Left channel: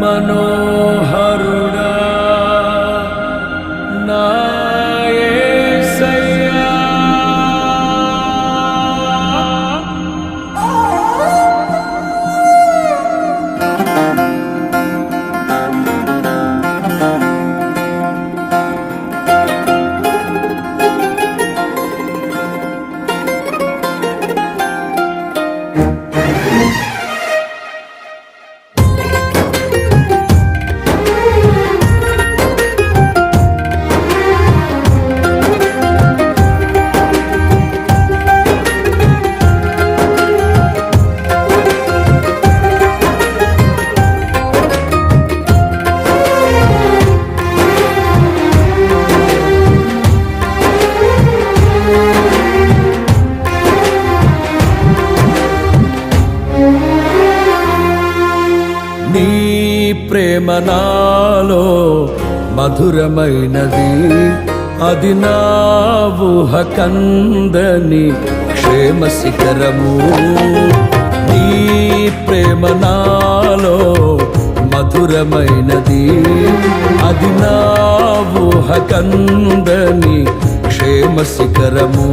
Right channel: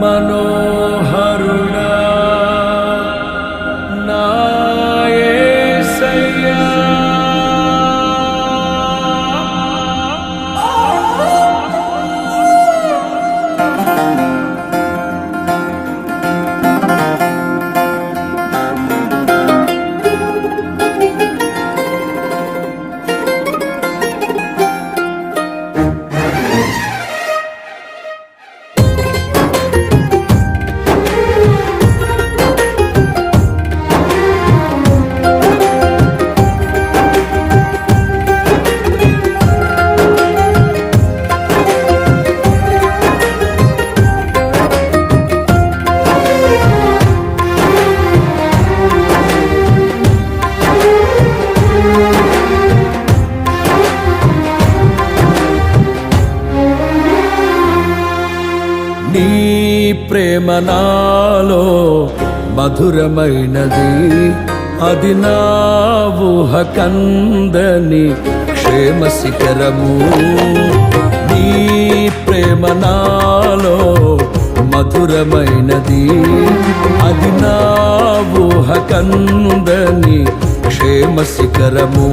మనోహరుడా నా యేసయ్యా. నీ ప్రేమ నాలో మధురమైనది, అది నా ఊహ కందని క్షేమ శిఖరము. నీ ప్రేమ నాలో మధురమైనది, అది నా ఊహ కందని క్షేమ శిఖరము.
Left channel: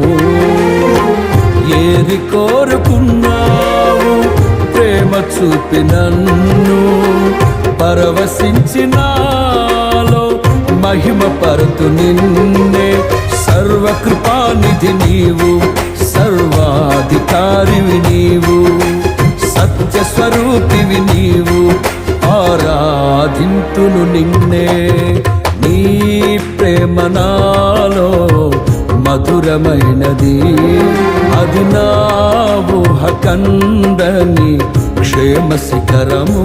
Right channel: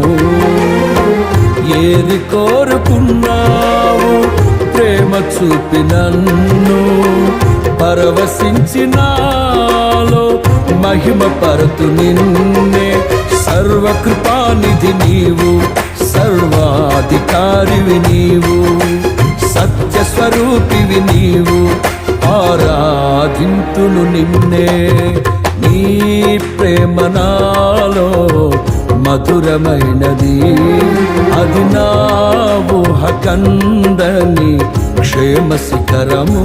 ఏది కోరుకున్నావు ప్రేమ చూపి నన్ను పరవశించినాలో మహిమ పరతు నిన్నే. సర్వకృపానిధి నీవు, సర్వాధికారివి నీవు, సత్యస్వరూపివి నీవు, ఆరాధింతును నిన్నే. నీ ప్రేమ నాలో మధురమైనది, అది నా ఊహ కందని క్షేమ శిఖరము.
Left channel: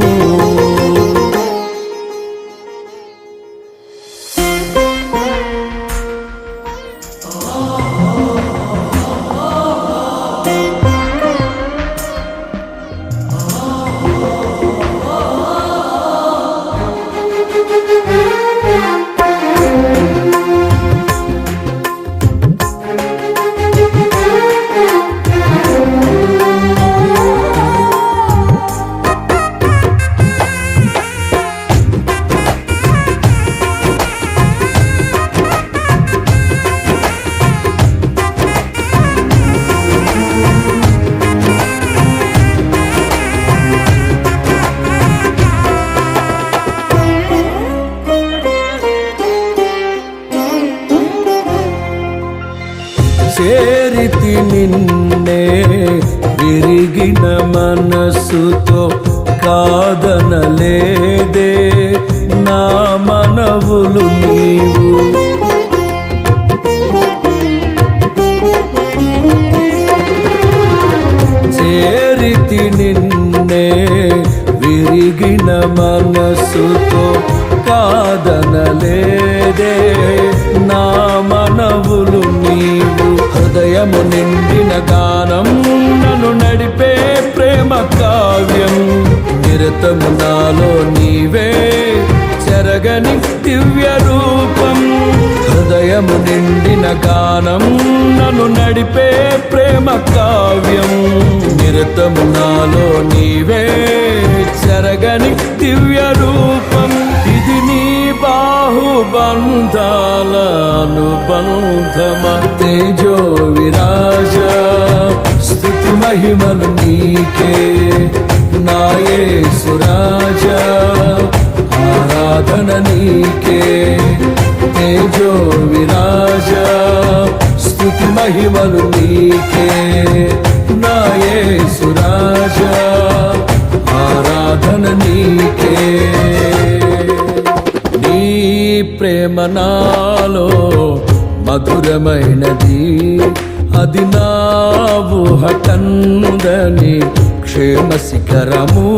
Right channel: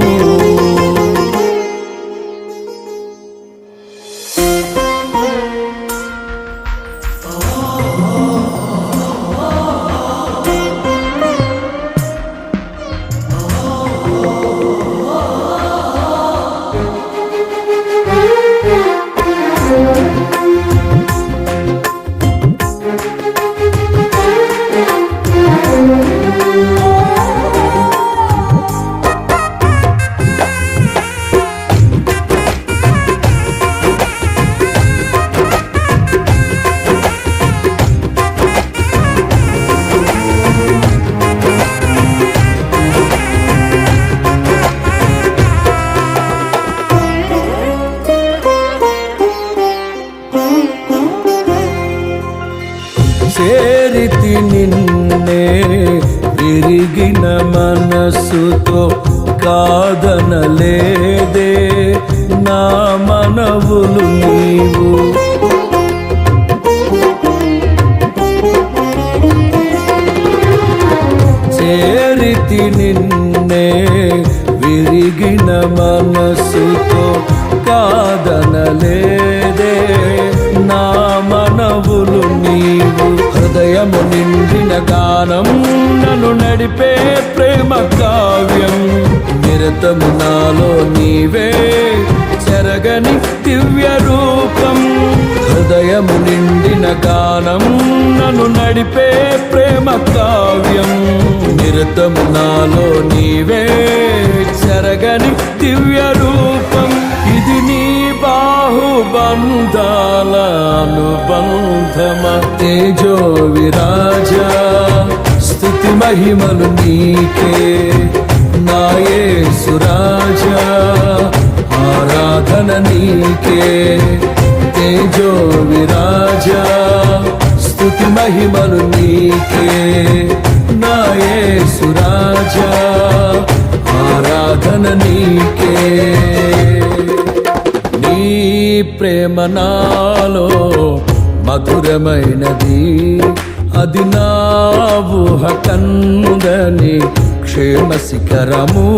చేరితి నిన్నే విరిగిన మనసుతో, కాదనలేదే నా మనవులు నీవు. చేరితి నిన్నే విరిగిన మనసుతో, కాదనలేదే నా మనవులు నీవు. హృదయము నిండిన గానం నన్ను నడిపే ప్రేమ కావ్యం, నిరతము నాలో నీవే చెరగని దివ్య రూపం. హృదయము నిండిన గానం నన్ను నడిపే ప్రేమ కావ్యం, నిరతము నాలో నీవే చెరగని దివ్య రూపం. ఇది నీ బాహుబంధాల అనుబంధమా. తేజో విరాజా స్తుతి మహిమలు నీకే, నా యేసు రాజా ఆరాధన నీకే. తేజో విరాజా స్తుతి మహిమలు నీకే, నా యేసు రాజా ఆరాధన నీకే. నీ ప్రేమ నాలో మధురమైనది, అది నా ఊహ కందని క్షేమ శిఖరము.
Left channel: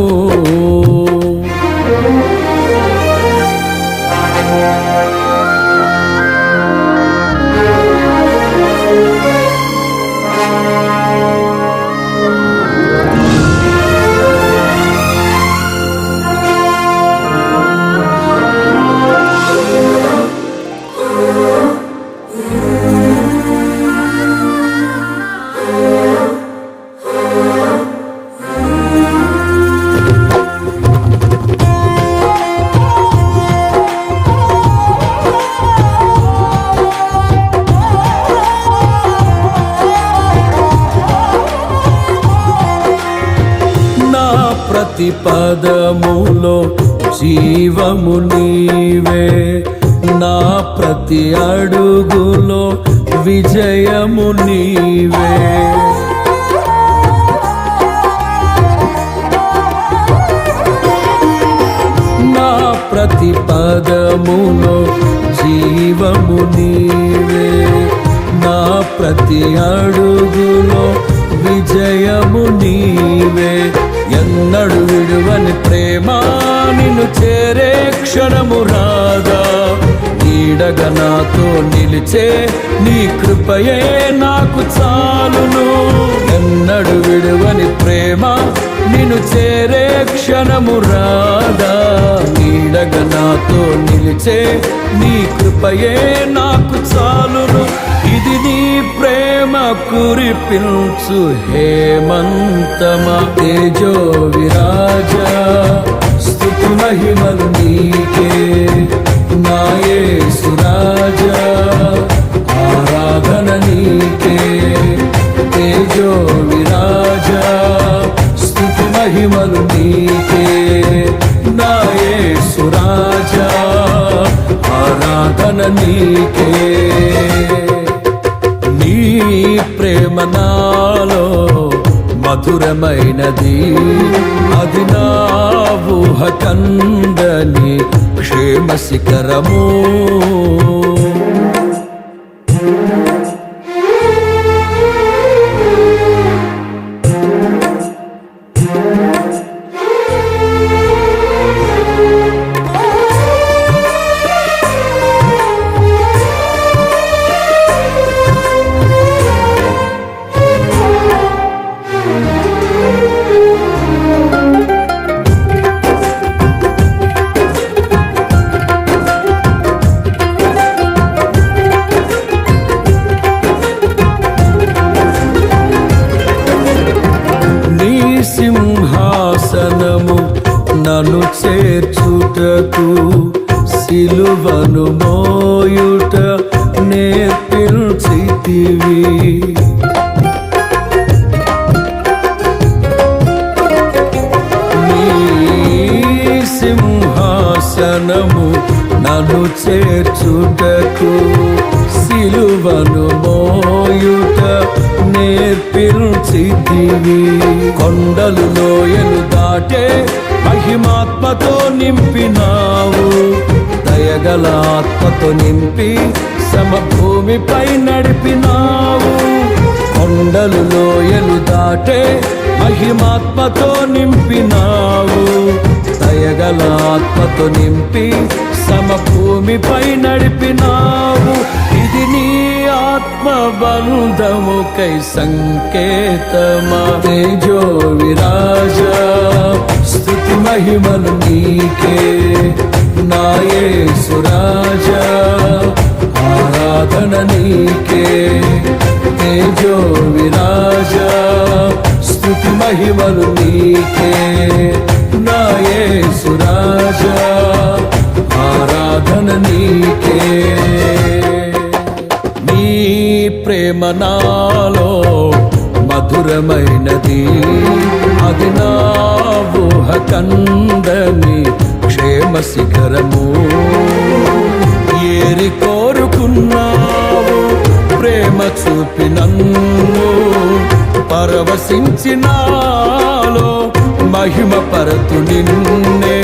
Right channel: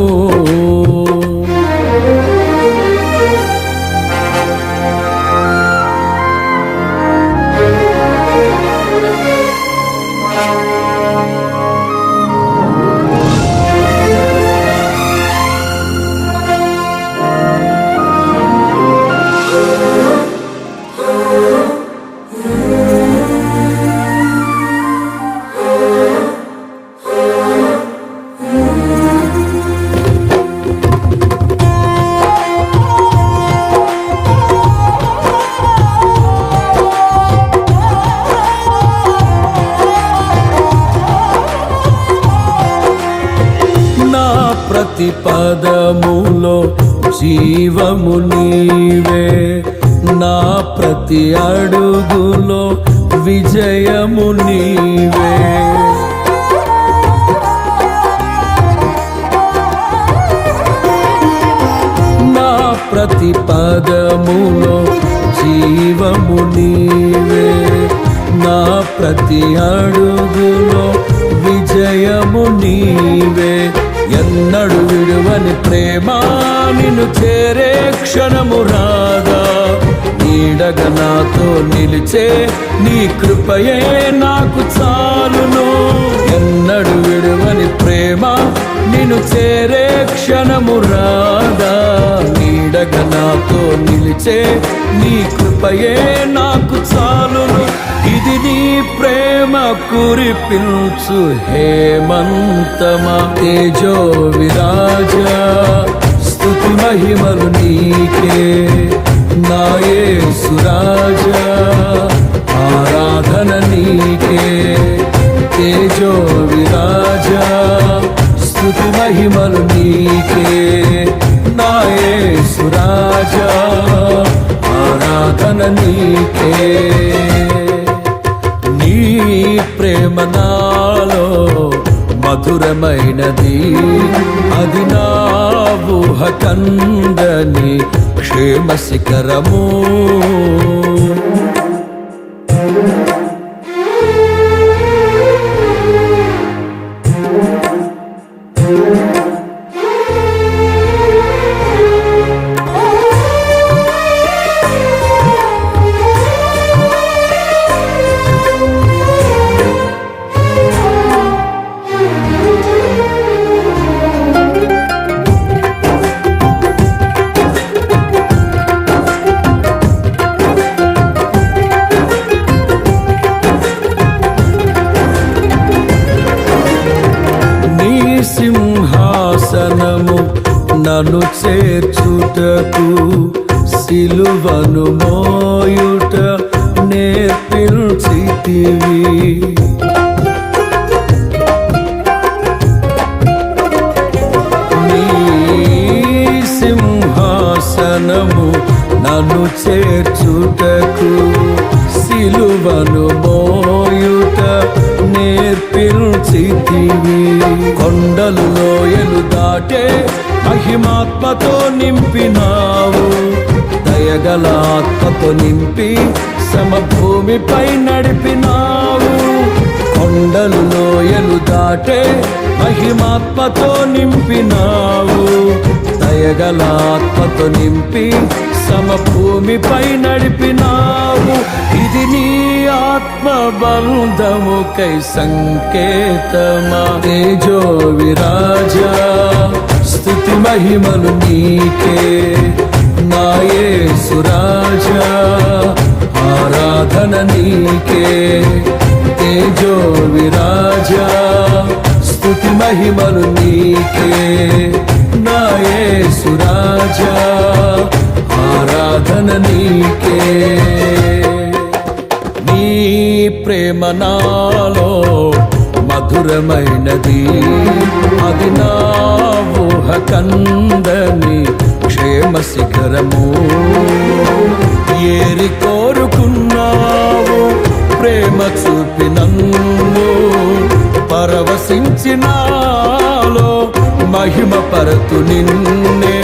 ప్రతి పదములో జీవము నీవే, నా ప్రతి అడుగులో విజయము నీవే. నా ప్రతి పదములో జీవము నీవే, నా ప్రతి అడుగులో విజయము నీవే. ఎన్నడు విడువని ప్రేమ నిన్ను చేరే క్షణము రాదా, నీడగా నాతో నిలిచే నీ కృపయే నాకు చాలును. ఎన్నడు విడువని ప్రేమ నిన్ను చేరే క్షణము రాదా, నీడగా నాతో నిలిచే నీ కృపయే నాకు చాలును. ఇది నీ ప్రేమ కురిపించు హేమంతమా, తేజో విరాజా స్తుతి మహిమలు నీకే. నా యేసు రాజా ఆరాధన నీకే, తేజో విరాజా స్తుతి మహిమలు నీకే. నా యేసు రాజా ఆరాధన నీకే. నీ ప్రేమ నాలో మధురమైనది, అది నా ఊహ కందని క్షేమ శిఖరము. సింహాసనము నన్ను చేర్చుటకు, సిలువను మోయుట నేర్పించితివి. నీ సింహాసనము నన్ను చేర్చుటకు, సిలువను మోయుట నేర్పించితివి. కొండలు లోయలు దాటే మహిమాత్మతో నింపినావు, దయగల ఆత్మతో నింపి సమభూమిపై నడిపినావు. కొండలు లోయలు దాటే మహిమాత్మతో నింపినావు, దయగల ఆత్మతో నింపి సమభూమిపై నడిపినావు. ఇది నీ ఆత్మ బంధముకై సంకేతమా, తేజో విరాజా స్తుతి మహిమలు నీకే. నా యేసు రాజా ఆరాధన నీకే, తేజో విరాజా స్తుతి మహిమలు నీకే. నా యేసు రాజా ఆరాధన నీకే. నీ ప్రేమ నాలో మధురమైనది, అది నా ఊహ కందని క్షేమ శిఖరము. ఏరి కోరుకున్నావు ప్రేమ చూపి నన్ను, పరవశించినాలో మహిమ పరతు నిన్నే.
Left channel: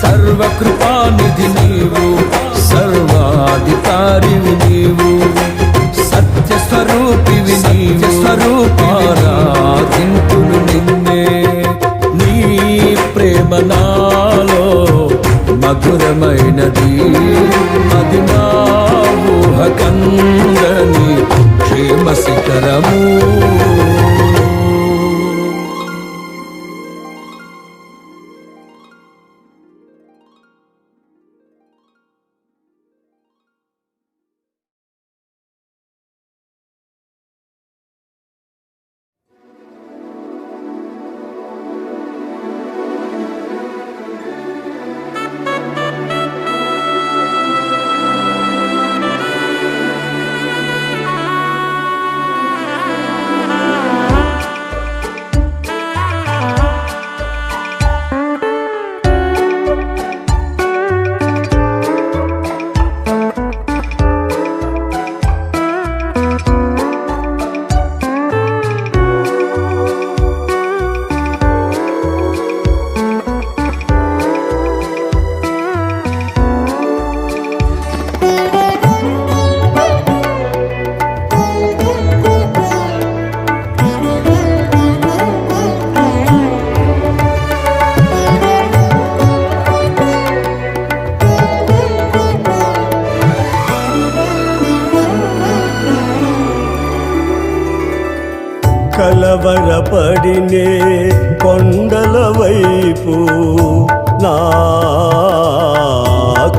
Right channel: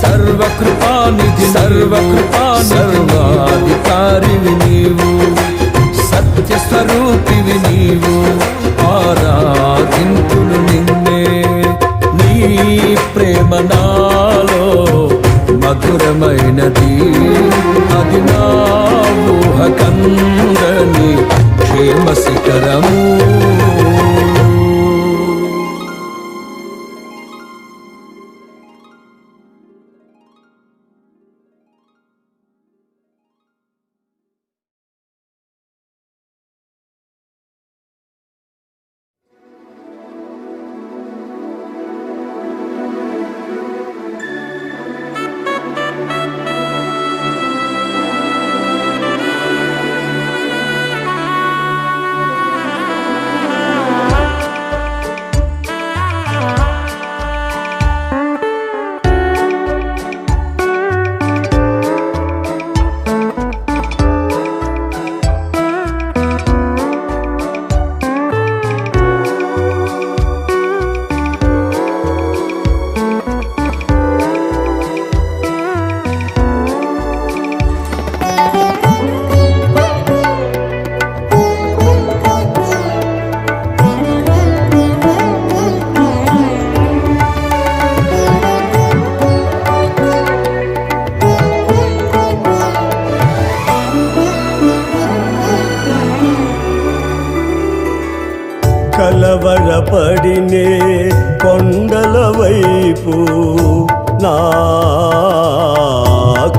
సర్వకృపానిధి నీవు, సర్వాధికారివి నీవు, సత్య స్వరూపివి నీవు, ఆరాధింతును నిన్నే. నీ ప్రేమ నాలో మధురమైనది, అది నా ఊహ కందని క్షేమ శిఖరము. కలవరపడినే కొండల వైపు నా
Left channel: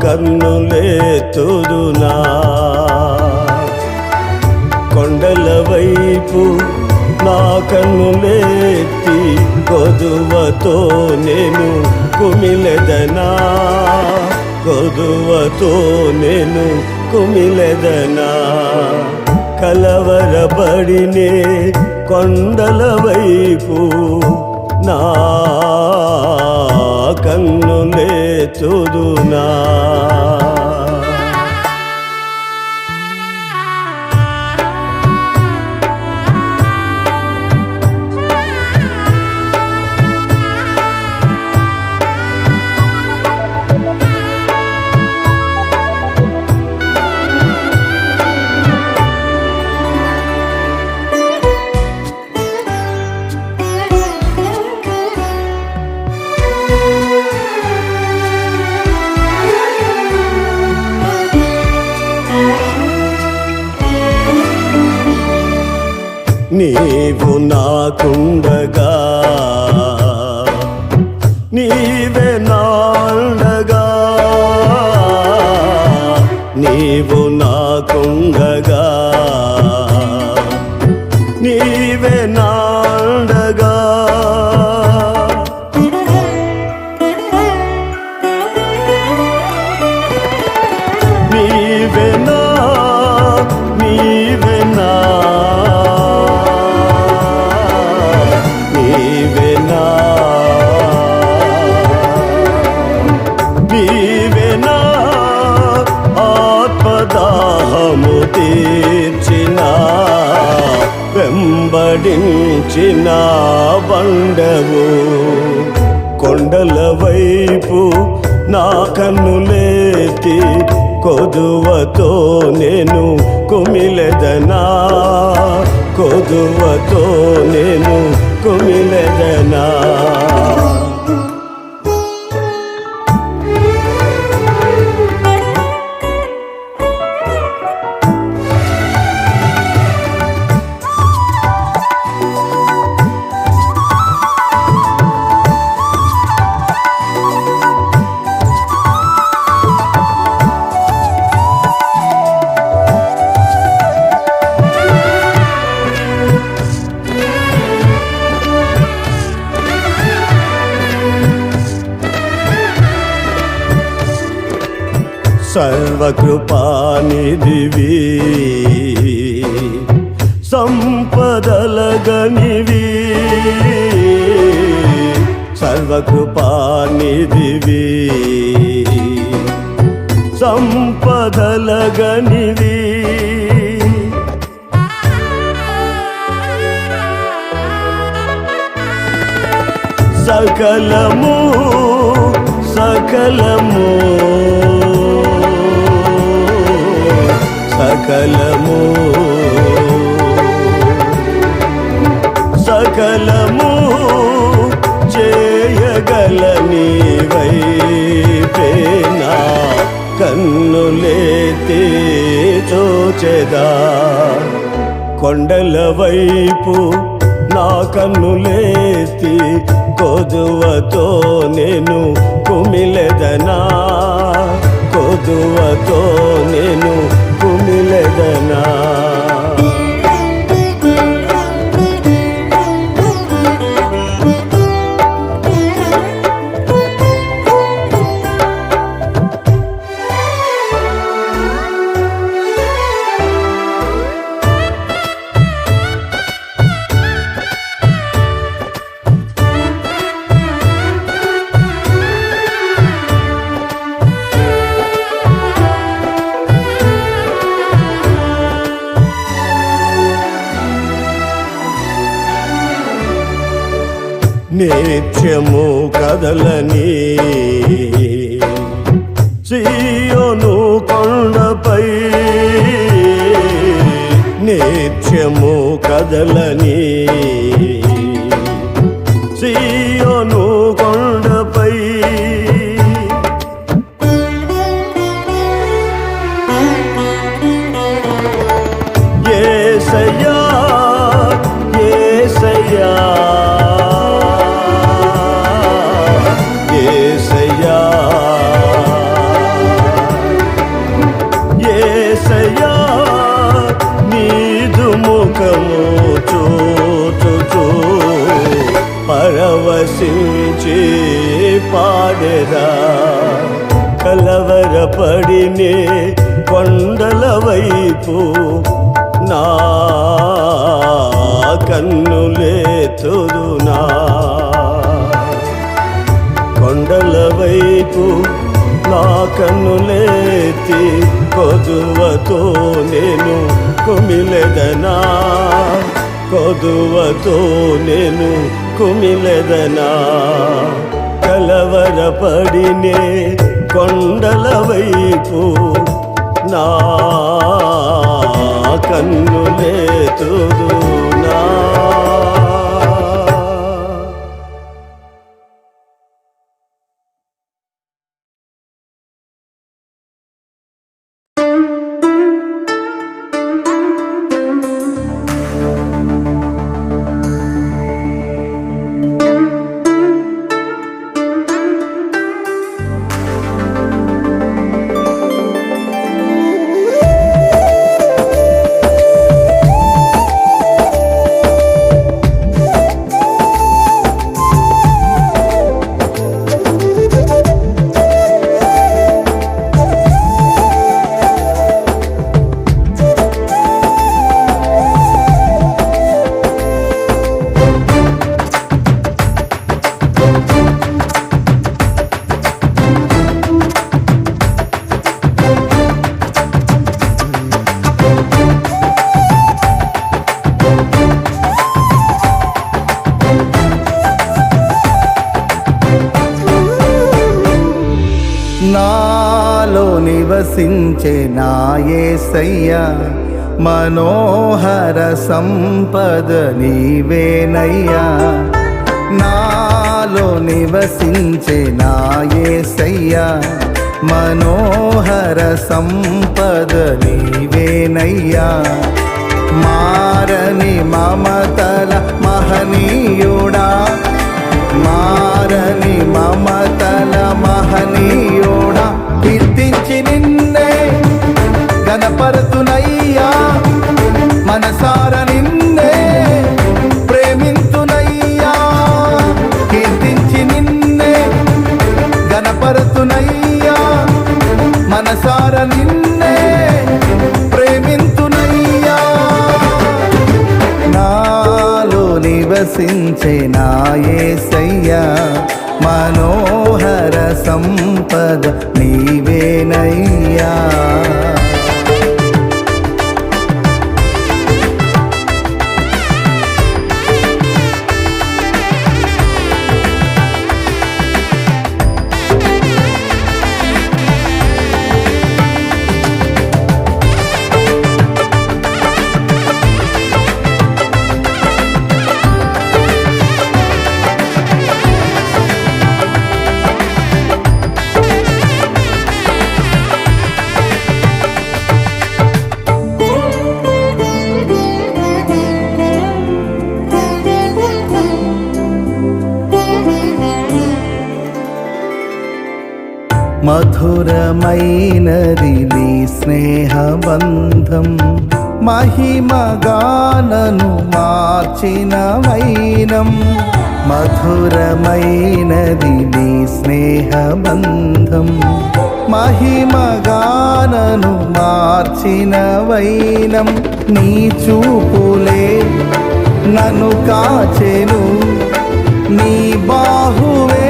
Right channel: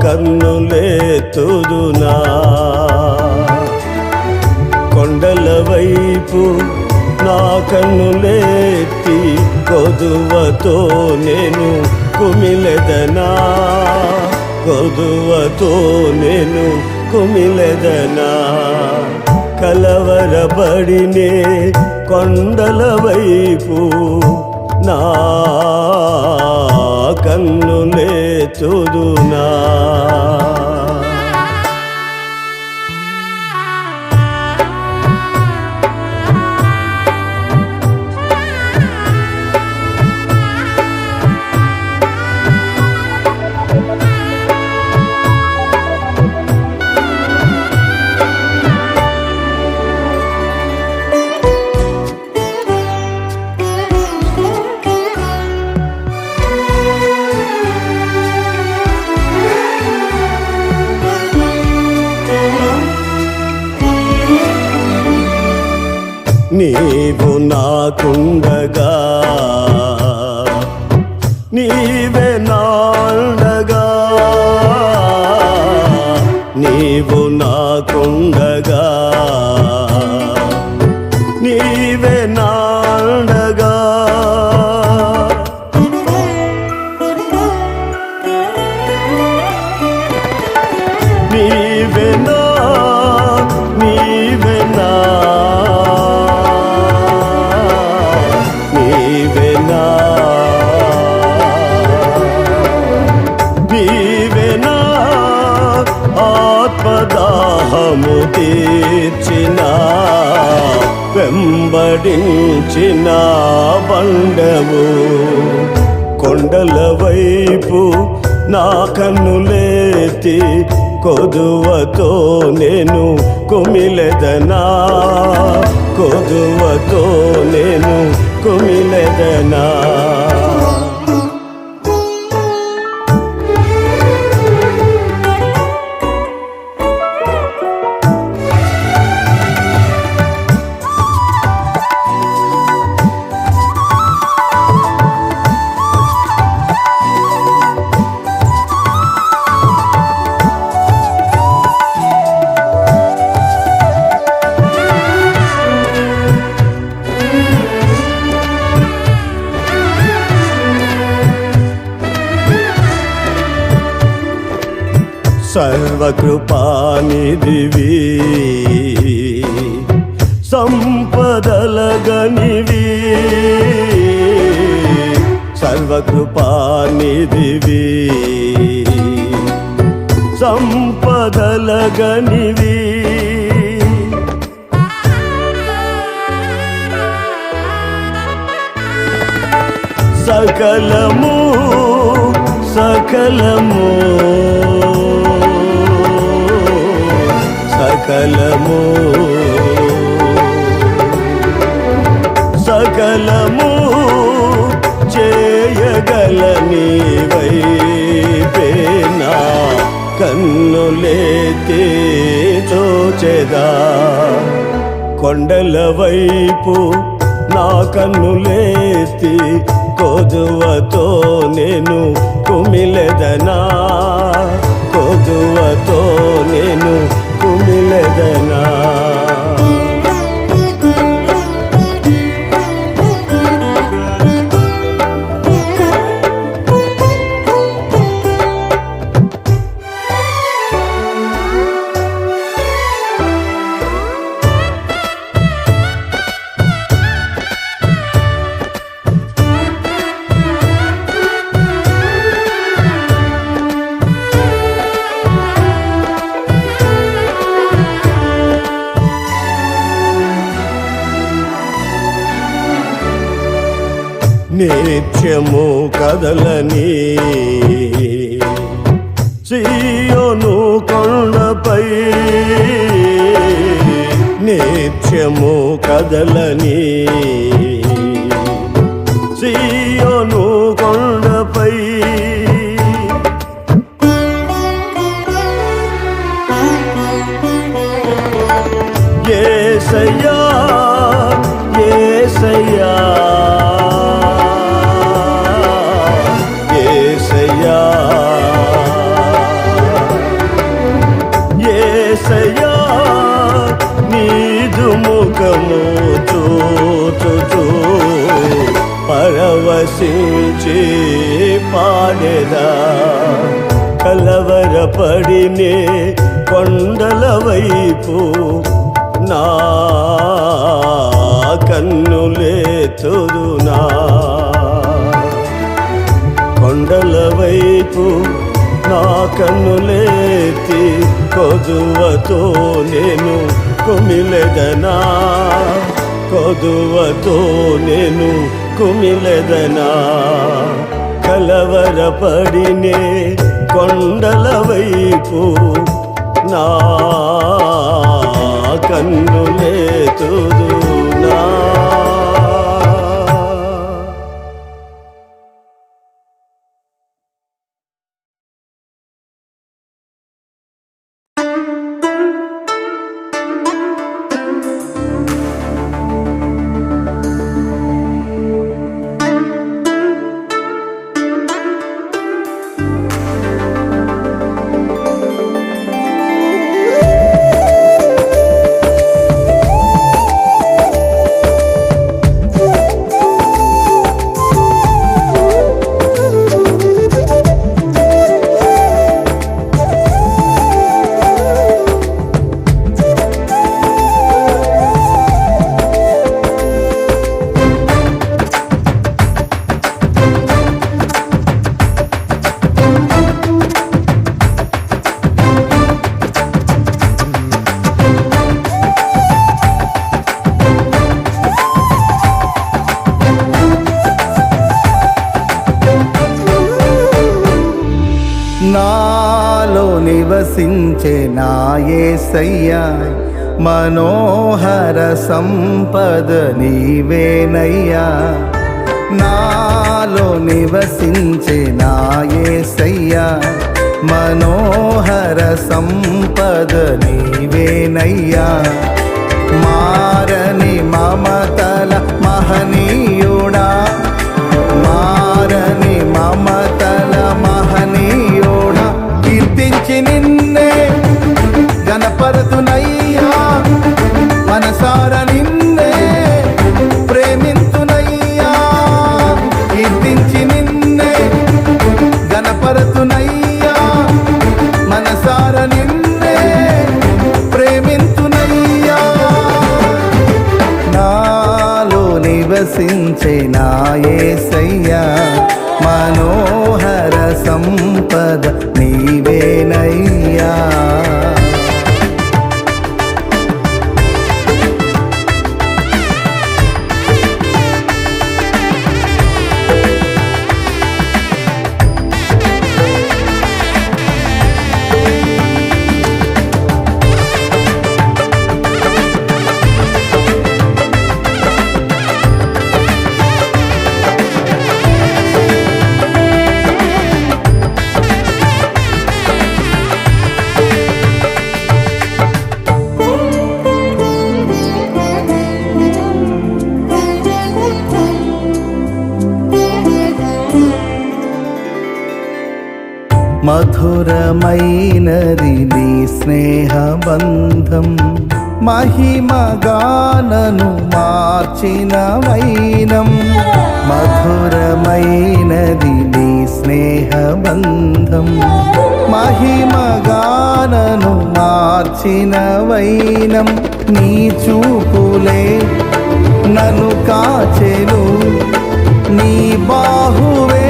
కన్నులెత్తుదునా, కొండల వైపు నా కన్నులెత్తి కొదువతో నేను కుమిలెదనా, కొదువతో నేను కుమిలెదనా. కలవరపడినే కొండల వైపు నా కన్నులెత్తుదునా. నీవు నాకుండగా నీవే నాండగా, నీవు నాకుండగా నీవే నాండగా. నీవెనా నీవెనా నీవెనా నీవెనా ఆత్మదాహము తీర్చిన వెంబడించిన బండవు. కొండల వైపు నా కన్నులెత్తి కొదువతో నేను కుమిలెదనా, కొదువతో నేను కుమిలెదనా. సర్వకృపానిధివి సంపదలగనివి, సర్వకృపానిధివి సంపదలగనివి. సకలము సకలము సకలము సకలము చేయగలని వైపేనా కన్నులెత్తి చూచెదా. కొండల వైపు నా కన్నులెత్తి కొదువతో నేను కుమిలెదనా, కొదువతో నేను కుమిలెదనా. నిత్యము కదలని సీయోను కొండపై, నిత్యము కదలని సీయోను కొండపై. యేసయ్యా యేసయ్యా నీదు ముఖము చూచుచూ పరవశించి పాడెదా కలవరపడినే కొండల వైపు నా కన్నులేతుదునా కొండల వైపు నా కన్నులేతి కొదువతో నేను కుమిలెదనా కొదువతో నేను కుమిలెదనా కలవరపడినే కొండల వైపు నా కన్నులేతుదునా నాలో నివసించే నా యేసయ్యా మనోహర సంపద నీవేనయ్యా నాలో నివసించే నా యేసయ్యా మనోహర సంపద నీవేనయ్యా మారని మమతల మహనీయుడా మారని మమతల మహనీయుడా కీర్తించి నిన్నే గణపరతునయ్యా మనసార నిన్నే ప్రేమింతునయ్యా కీర్తించి నిన్నే గణపరతునయ్యా మనసార నిన్నే ప్రేమింతునయ్యా నాలో నివసించే నా యేసయ్యా మనోహర సంపద నీవేనయ్యా మధురమైనది నీ స్నేహబంధం మహిమగానను మార్చిన వైనం మధురమైనది నీ స్నేహబంధం మహిమగానను మార్చిన వైనం నీ చూపులే నన్ను కాచెను నీ బాహువే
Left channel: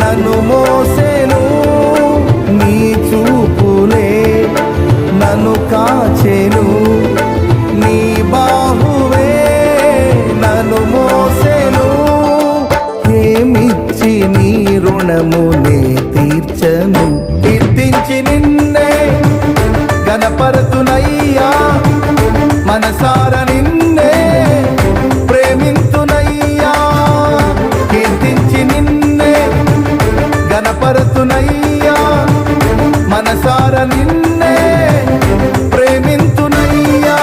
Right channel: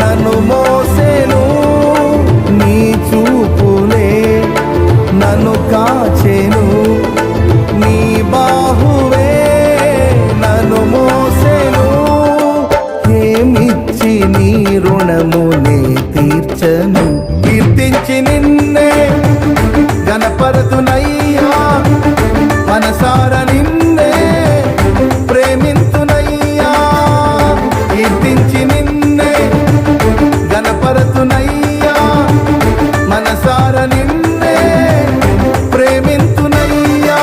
నన్ను మోసెను నీ చూపులే నన్ను కాచెను నీ బాహువే నన్ను మోసెను ఏమిచ్చి నీ రుణమునే తీర్చను కీర్తించి నిన్నే గణపరతునయ్యా మనసార నిన్నే ప్రేమింతునయ్యా కీర్తించి నిన్నే గణపరతునయ్యా మనసార నిన్నే ప్రేమింతునయ్యా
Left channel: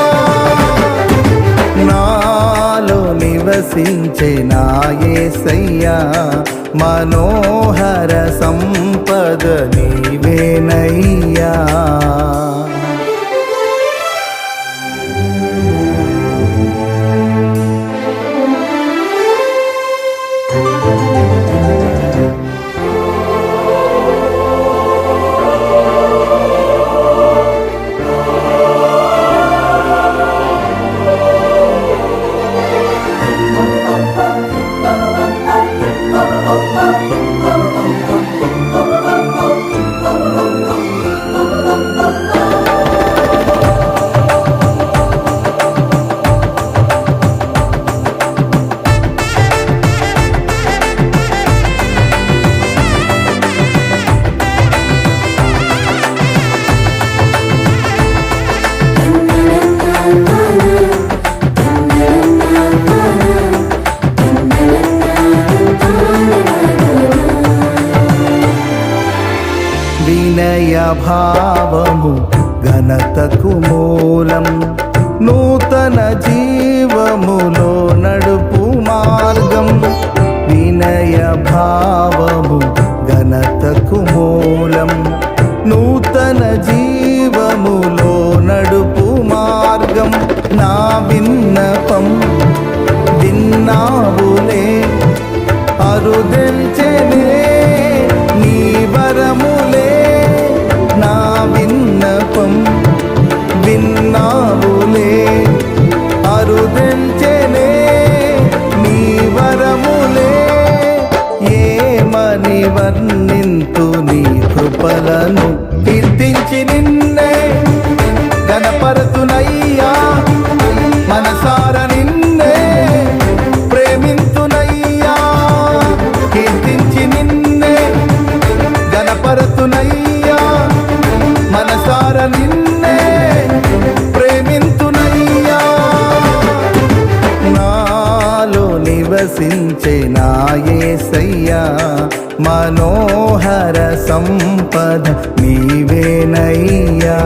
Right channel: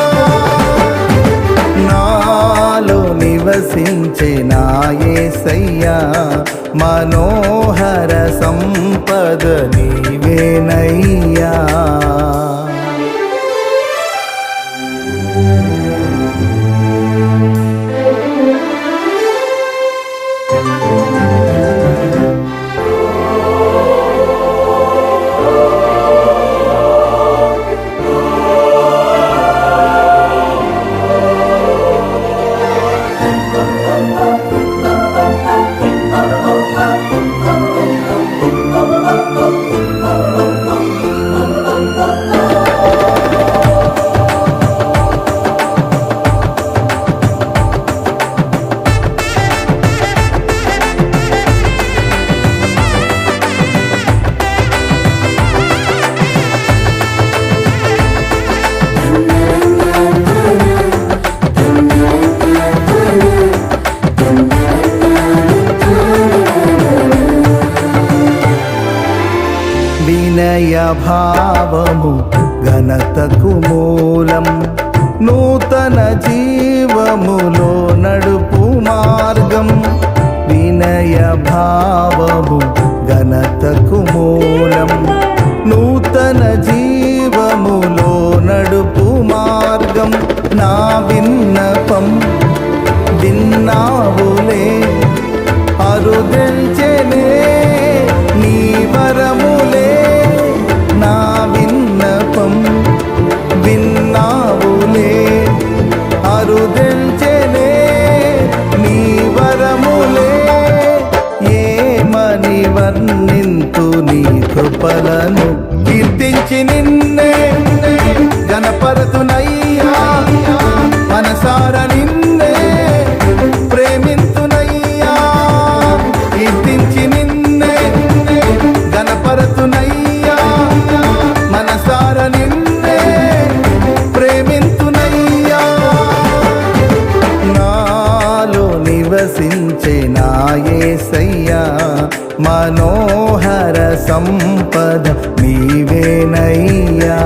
నాలో నివసించే నా యేసయ్యా మనోహర సంపద నీవేనయ్యా భావము ఘనతకు మూలం, నూతన జీవములో నడుపు మార్గం. వినయ భావము ఘనతకు మూలం, నూతన జీవములో నడుపు మార్గం. నా విన్నపం విన్నావులే, అరుదెల్చెనే నీ వరములే. నా విన్నపం విన్నావులే, అరుదెల్చెనే నీ వరములే. ఏమని వర్ణింతు నీ కృపలను, కీర్తించి నిన్నే గణపరతునయ్యా. మనసార నిన్నే ప్రేమింతునయ్యా, కీర్తించి నిన్నే గణపరతునయ్యా. మనసార నిన్నే ప్రేమింతునయ్యా. నాలో నివసించే నా యేసయ్యా, మనోహర సంపద నీవేనయ్యా.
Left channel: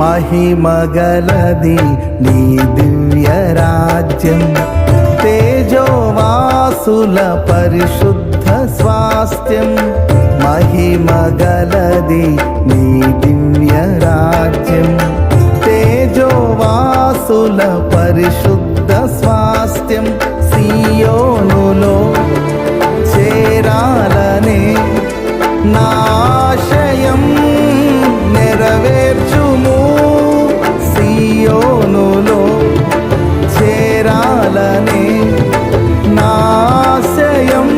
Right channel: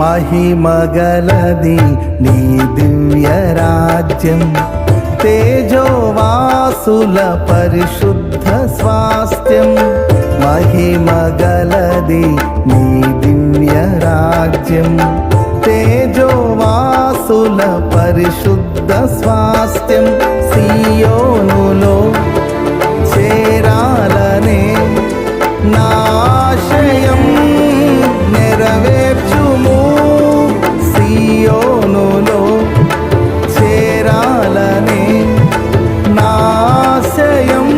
మహిమగలది నీ దివ్య రాజ్యం, తేజోవాసుల పరిశుద్ధ స్వాస్థ్యం. మహిమగలది నీ దివ్య రాజ్యం, తేజోవాసుల పరిశుద్ధ స్వాస్థ్యం. సియోనులో చేరాలనే నాశయం నెరవేర్చుము. సియోనులో చేరాలనే నాశయం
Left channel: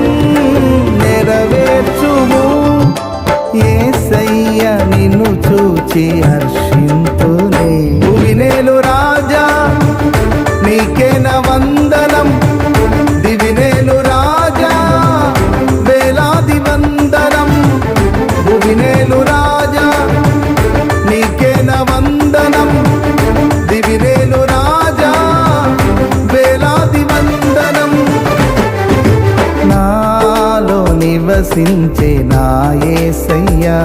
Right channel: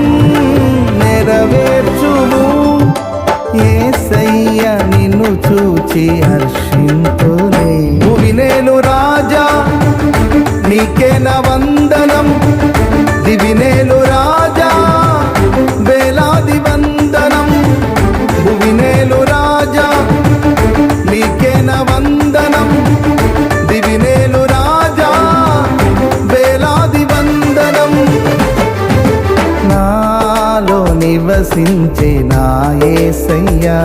నెరవేర్చుము. యేసయ్య నిన్ను చూచి హర్షింతునే. భువినేలు రాజా నీకేన వందనం, దివినేలు రాజా వేలాది వందనం. భువినేలు రాజా నీకేన వందనం, దివినేలు రాజా వేలాది వందనం. నాలో నివసించే నా యేసయ్యా,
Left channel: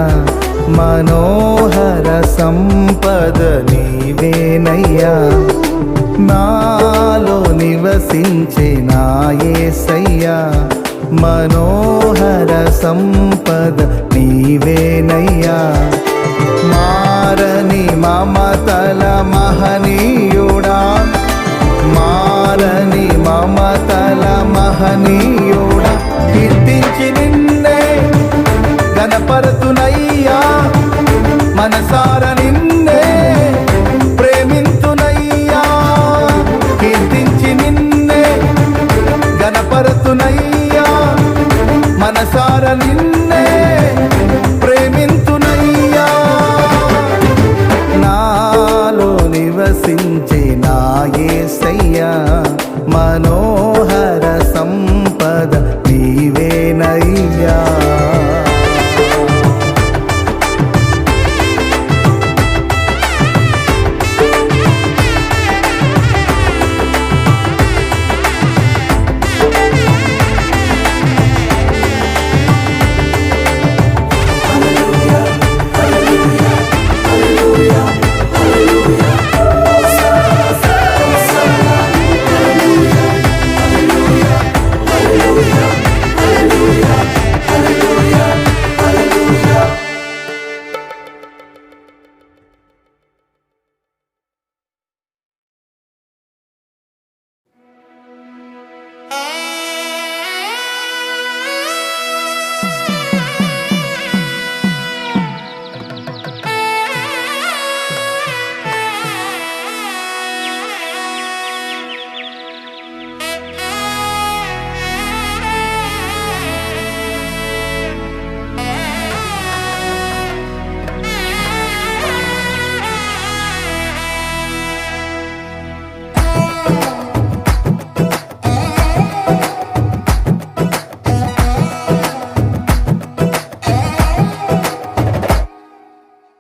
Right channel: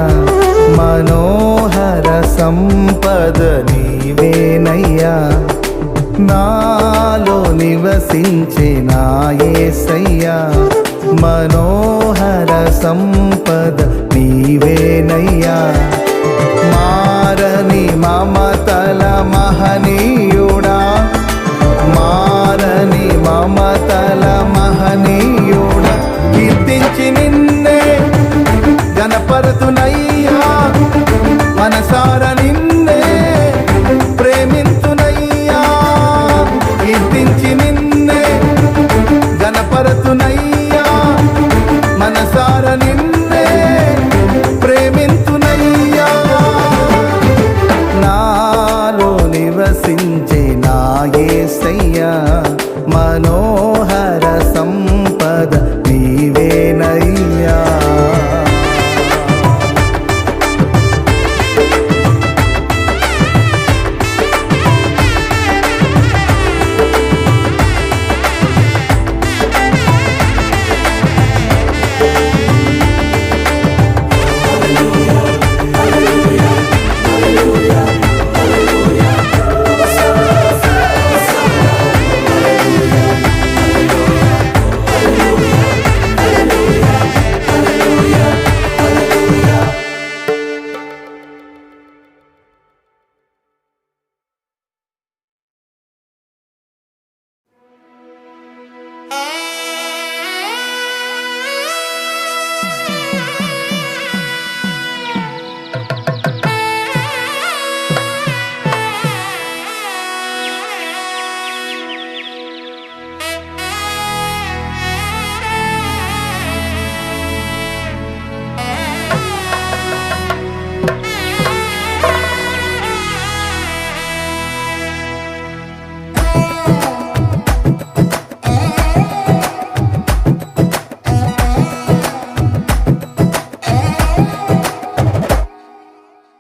మనోహర సంపద నీవేనయ్యా. నాలో నివసించే నా యేసయ్యా, మనోహర సంపద నీవేనయ్యా. మారని మమతల మహనీయుడా, మారని మమతల మహనీయుడా. కీర్తించి నిన్నే గణపరతునయ్యా. మనసార నిన్నే ప్రేమింతునయ్యా, కీర్తించి నిన్నే గణపరతునయ్యా. మనసార నిన్నే ప్రేమింతునయ్యా. నాలో నివసించే నా యేసయ్యా, మనోహర సంపద నీవేనయ్యా.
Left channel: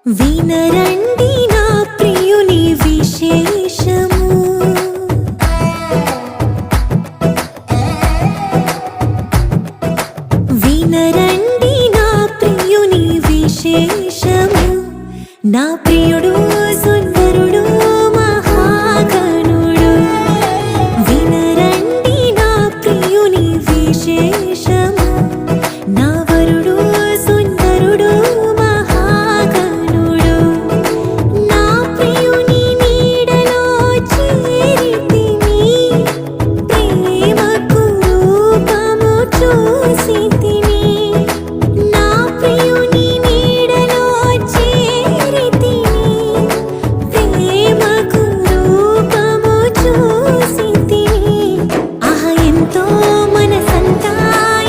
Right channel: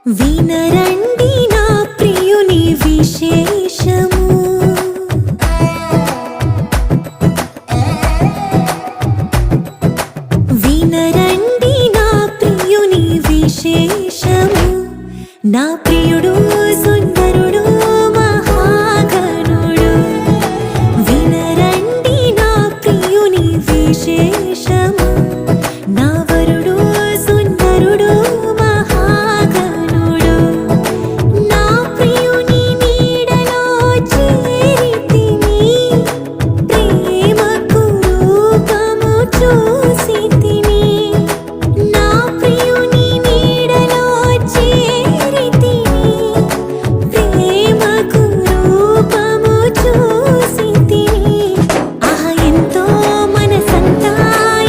వినరండి నా ప్రియుని విశేషము, వినరండి నా ప్రియుని విశేషము. నా ప్రియుడు సుందరుడు మహాగణుడు, వినరండి నా ప్రియుని విశేషము. నా వరుడు సుందరుడు మహాగణుడు, నా ప్రియుని నీడలో చేరితిని, ప్రేమకు రూపము చూసితిని. నా ప్రియుని నీడలో చేరితిని, ప్రేమకు రూపము చూసితిని. ఆహా ఎంతో మనసంతా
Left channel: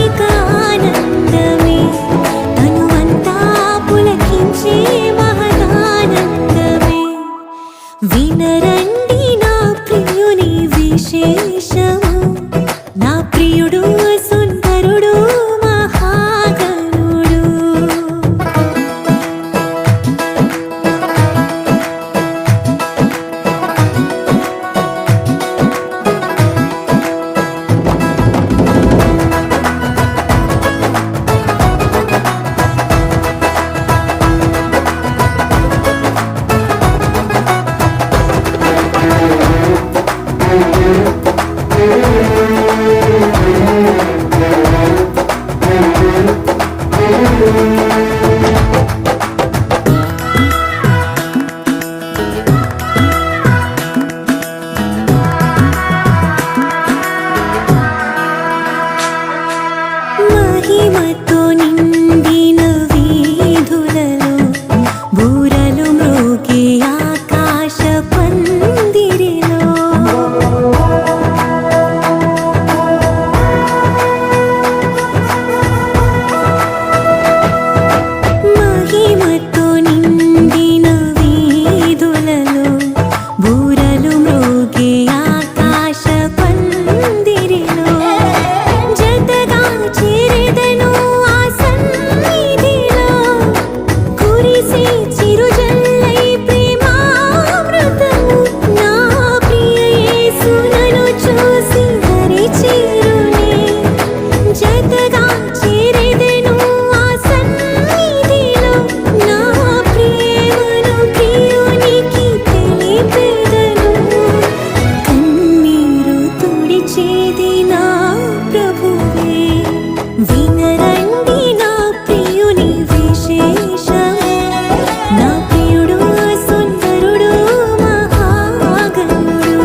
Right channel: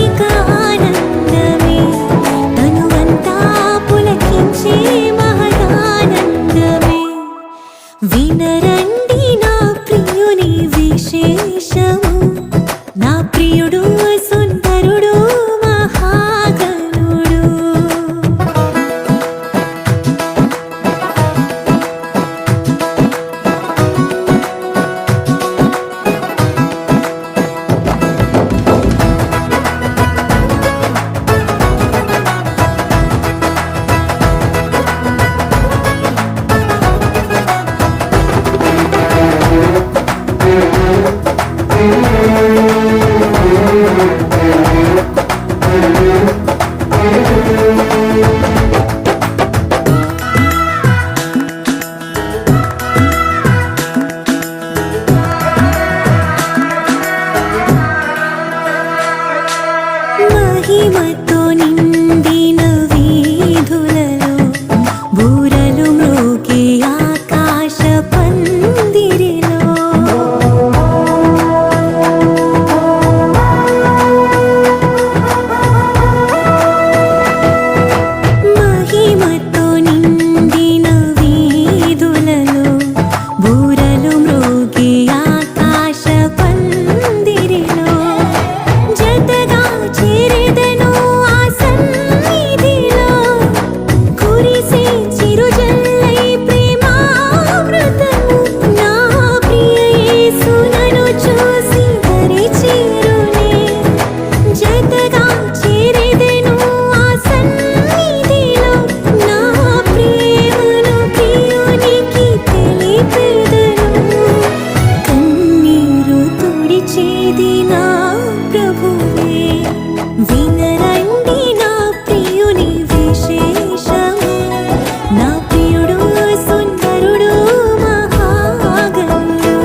ఇక ఆనందమే, తనువంతా పులకించే మహదానందమే. వినరండి నా ప్రియుని విశేషము, నా ప్రియుడు సుందరుడు మహాగణుడు. మహిమతో నిండిన వీధులలో బూరలు మ్రోగే ఆకాశ పందిరిలో, మహిమతో నిండిన వీధులలో బూరలు మ్రోగే ఆకాశ పందిరిలో, జతగా చేరెదను ఆ సన్నిధిలో, కురిసే చిరుజల్లై ప్రేమామృతము. నా ప్రియ యేసు నన్ను చూసి దరి చేరునే, జతగా చేరెదను ఆ సన్నిధిలో, నా ప్రేమను ప్రియునికి తెలిపెదను. కన్నీరు తుడిచేది నా ప్రభువే, వినరండి నా ప్రియుని విశేషము. నా ప్రియుడు సుందరుడు మహాగణుడు.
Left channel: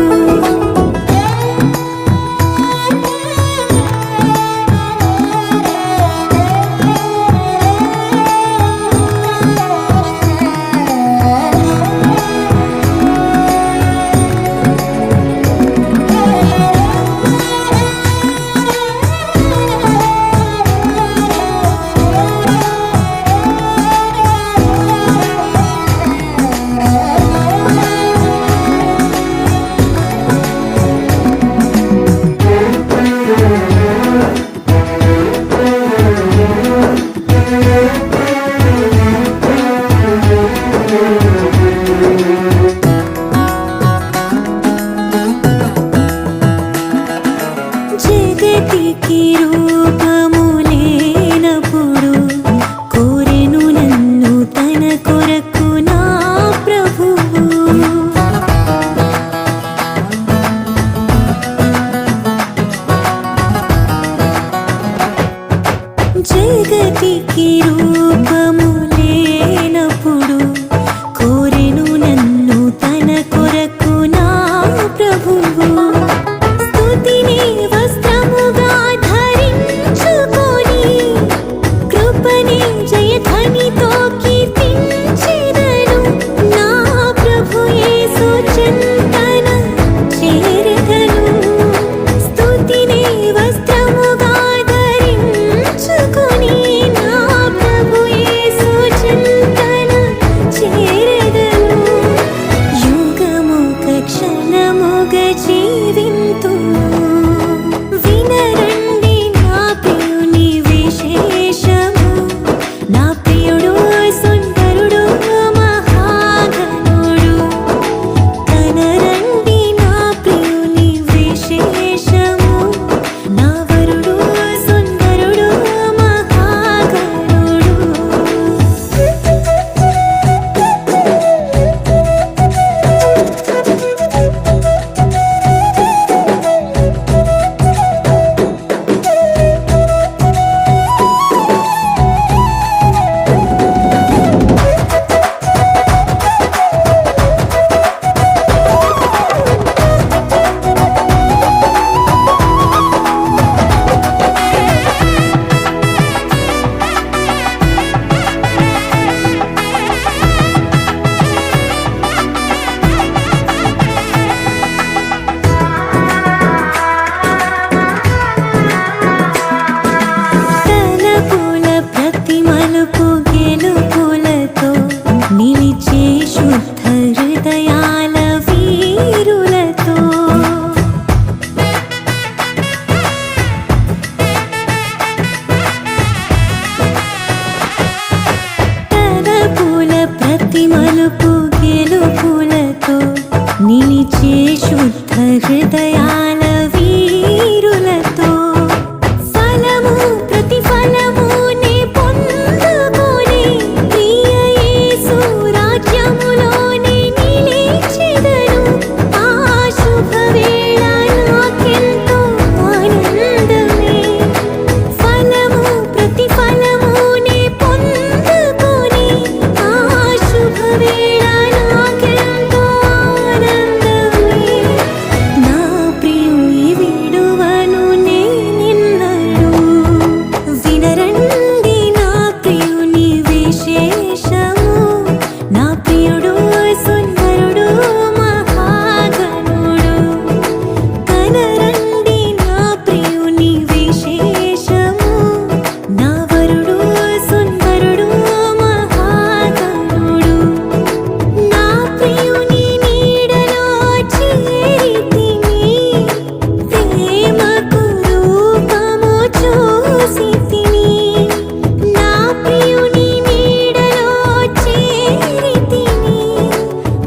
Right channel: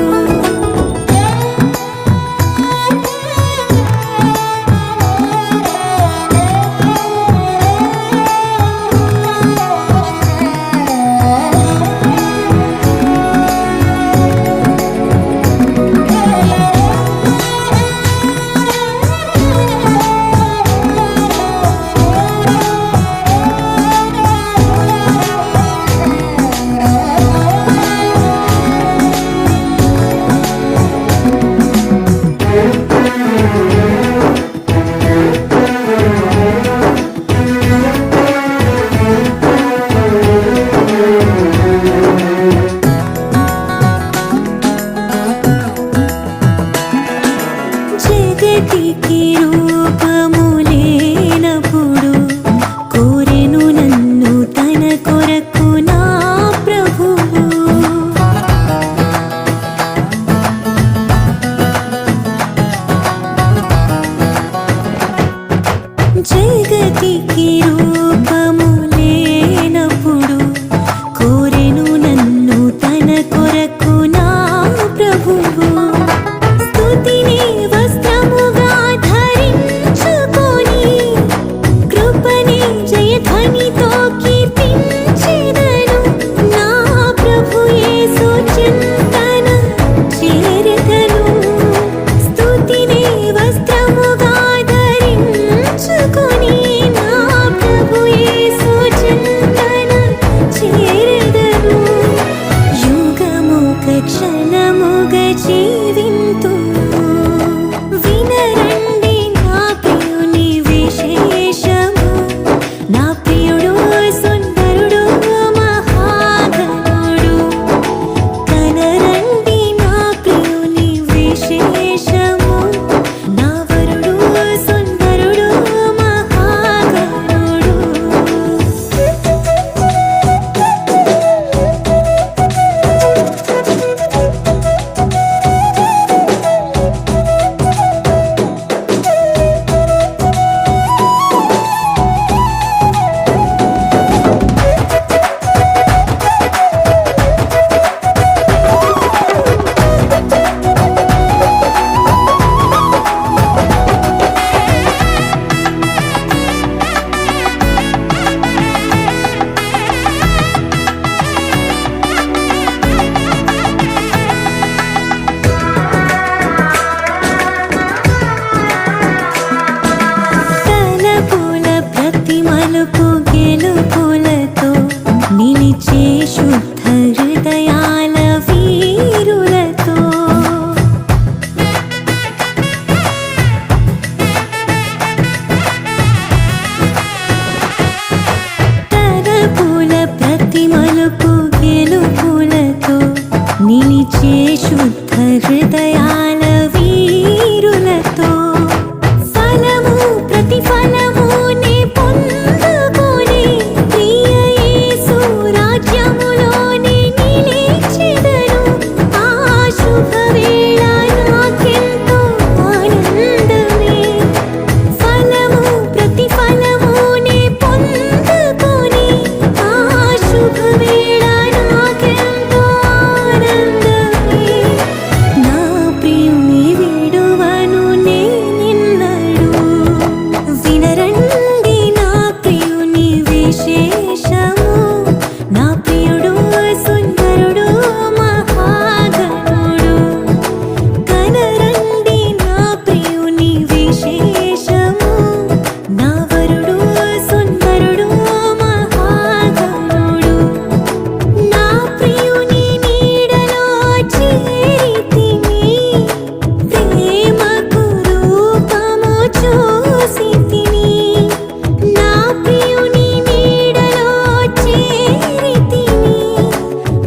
జగతికి రూపము లేనప్పుడు కోరెను నన్ను తన కొరకు నా ప్రభువు. జగతికి రూపము లేనప్పుడు కోరెను నన్ను తన కొరకు నా ప్రభువు. స్తుతిని వస్త్రముగా ధరించుకొని, కృపని జయధ్వనితో కీర్తించెదను. నా ప్రభు యేసు చింతన చేరెదను. స్తుతిని వస్త్రముగా ధరించుకొని, నా ప్రభు యేసు మలుపు గెలుపులతో నిలిచే శుద్ధ హృదయాల వీరులతో తలపుల ప్రతి మలుపు గెలుపులతో నిలిచే శుద్ధ హృదయాల వీరులతో ఫలము ప్రతిఫలము నే పొందుకొని ప్రియ యేసు రాజ్యములోనే నిలిచెదను. ఆ శుభవేళ నాకెంతో ఆనందమే. ఫలము ప్రతిఫలము నే పొందుకొని ఆ శుభవేళ నాకెంతో ఆనందమే. నా ప్రియుని విడువను నేనెన్నడూ. వినరండి నా ప్రియుని విశేషము. నా ప్రియుడు సుందరుడు మహాగణుడు. కనరండి నా ప్రియుని విశేషము. నా వరుడు సుందరుడు మహాగణుడు. నా ప్రియుని నీడలో చేరితిని. ప్రేమకు రూపము చూసితిని. నా ప్రియుని నీడలో చేరితిని.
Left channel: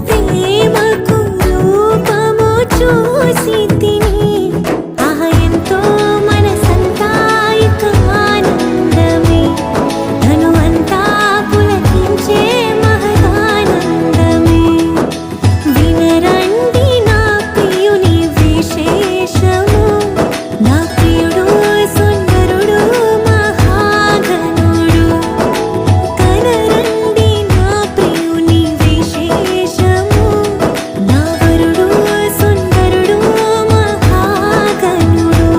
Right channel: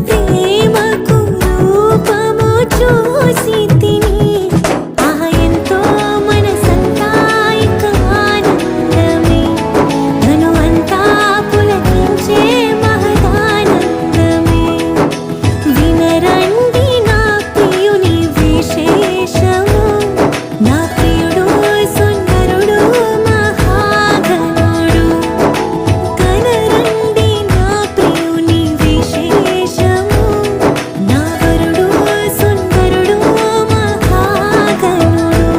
ప్రేమకు రూపము చూసితిని. ఆహా ఎంతో మనసంతా ఇక ఆనందమే. తను అంతా పులకించే మహదానందమే. వినరండి నా ప్రియుని విశేషము. నా ప్రియుడు సుందరుడు మహాగణుడు. కనరండి నా ప్రియుని విశేషము. నా వరుడు సుందరుడు మహాగణుడు.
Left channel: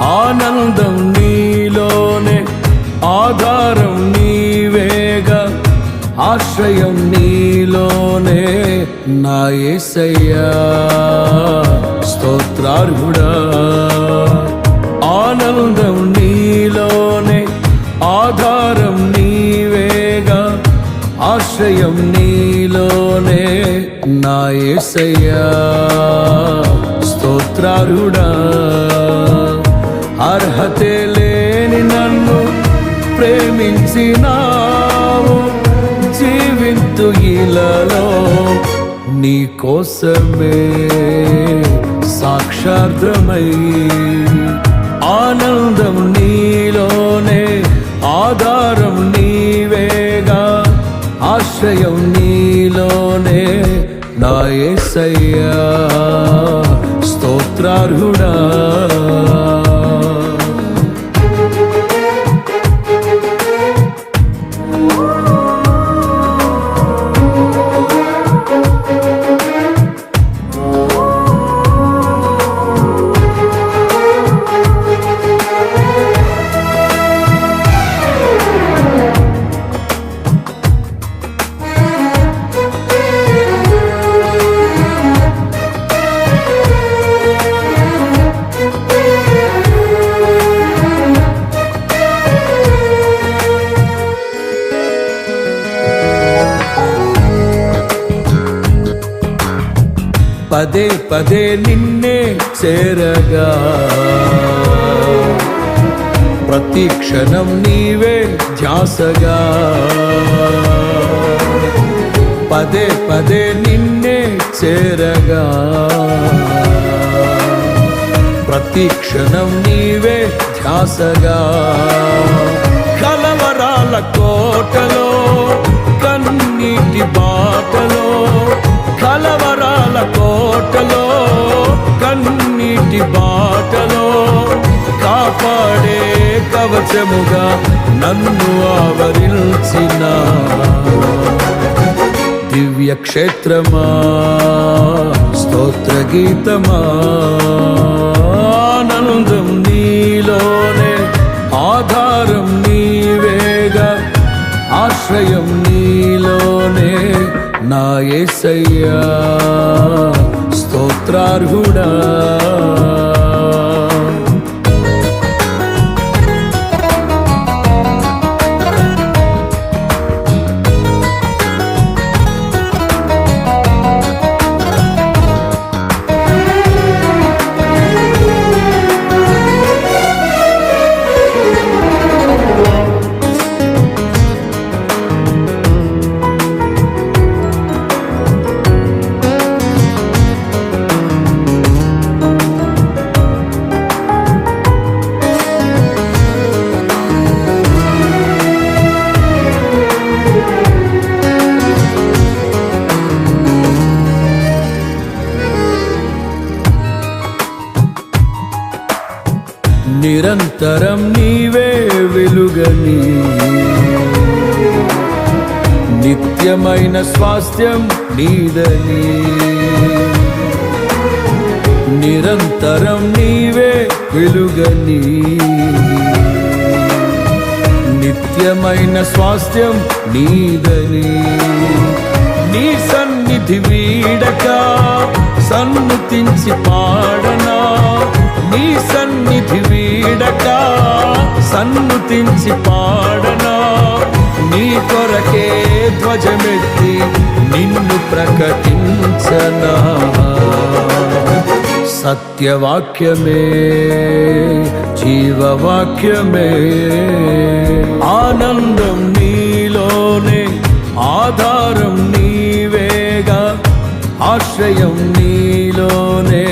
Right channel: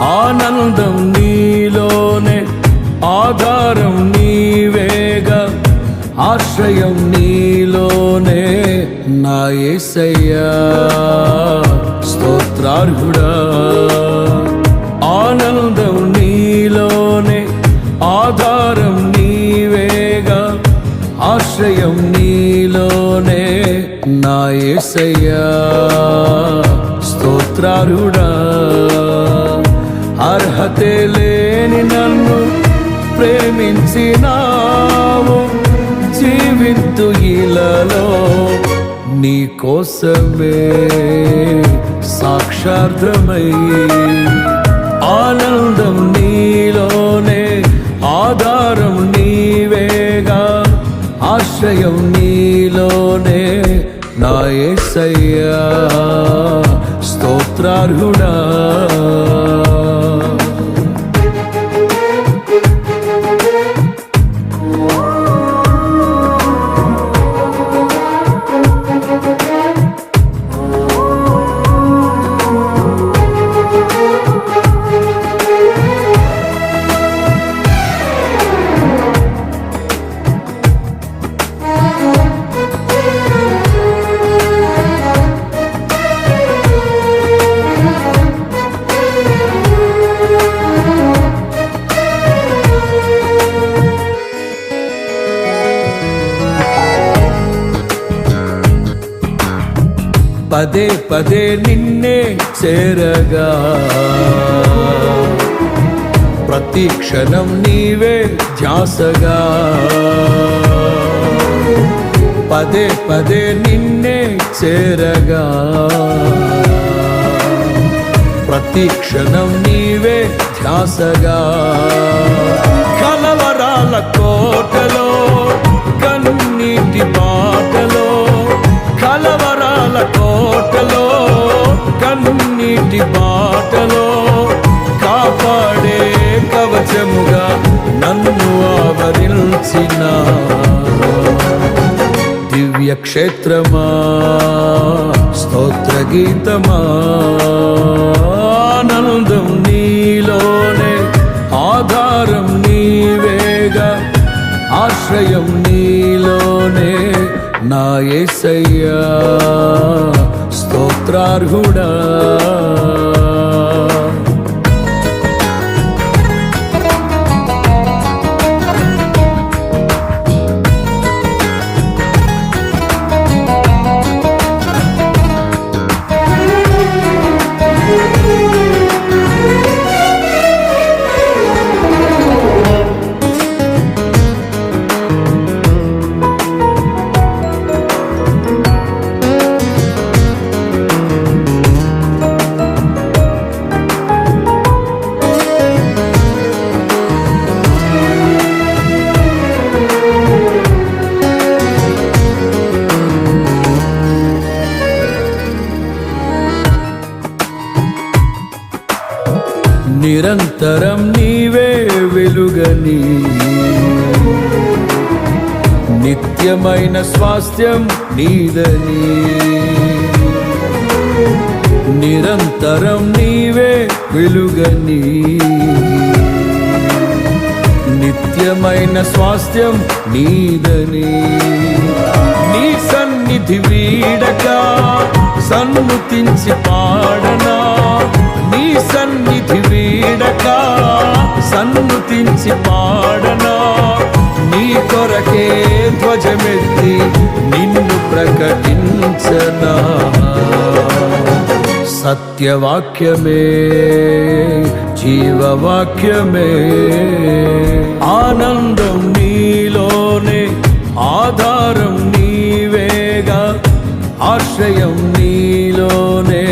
ఆనందం నీలోనే, ఆధారం నీవేగా, ఆశ్రయం నీలోనే నా యేసయ్యా. స్తోత్రార్హుడా. ఆనందం నీలోనే, ఆధారం నీవేగా, ఆశ్రయం నీలోనే నా యేసయ్యా. స్తోత్రార్హుడా. అర్హతే లేని నన్ను ప్రేమించినావు. జీవింతు ఇలలో నీ కోసమే సాక్షార్థమై. ఆనందం నీలోనే, ఆధారం నీవేగా, ఆశ్రయం నీలోనే నా యేసయ్యా. స్తోత్రార్హుడా. పదే పదే నిన్నే చేరగా ప్రతి క్షణం నీవే ధ్యాసగా పదే పదే నిన్నే చేరగా ప్రతి క్షణం నీవే ధ్యాసగా కలవరాల కోటలో కన్నీటి బాటలో కలవరాల కోటలో కన్నీటి బాటలో కాపాడే కవచముగా నన్ను ఆవరించిన దివ్య క్షేత్రమా స్తోత్ర గీతమా ఆనందం నీలోనే ఆధారం నీవేగా ఆశ్రయం నీలోనే నా యేసయ్యా స్తోత్రార్హుడా నిరంతరం నీవే వెలుగని నిత్యమైన స్వాస్థ్యం నీదని నిరంతరం నీవే వెలుగని నిత్యమైన స్వాస్థ్యం నీదని నీ సన్నిధి వీడక సన్నుతించి పాడనా నీ సన్నిధి వీడక సన్నుతించి పాడనా నీ కొరకే ధ్వజమెత్తి నిన్ను ప్రకటించనా సత్యవాక్యమే జీవవాక్యమే ఆనందం నీలోనే ఆధారం నీవేగా ఆశ్రయం నీలోనే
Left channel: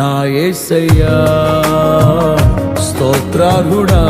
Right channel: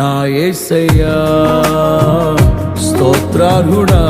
నా యేసయ్యా స్తోత్రార్హుడా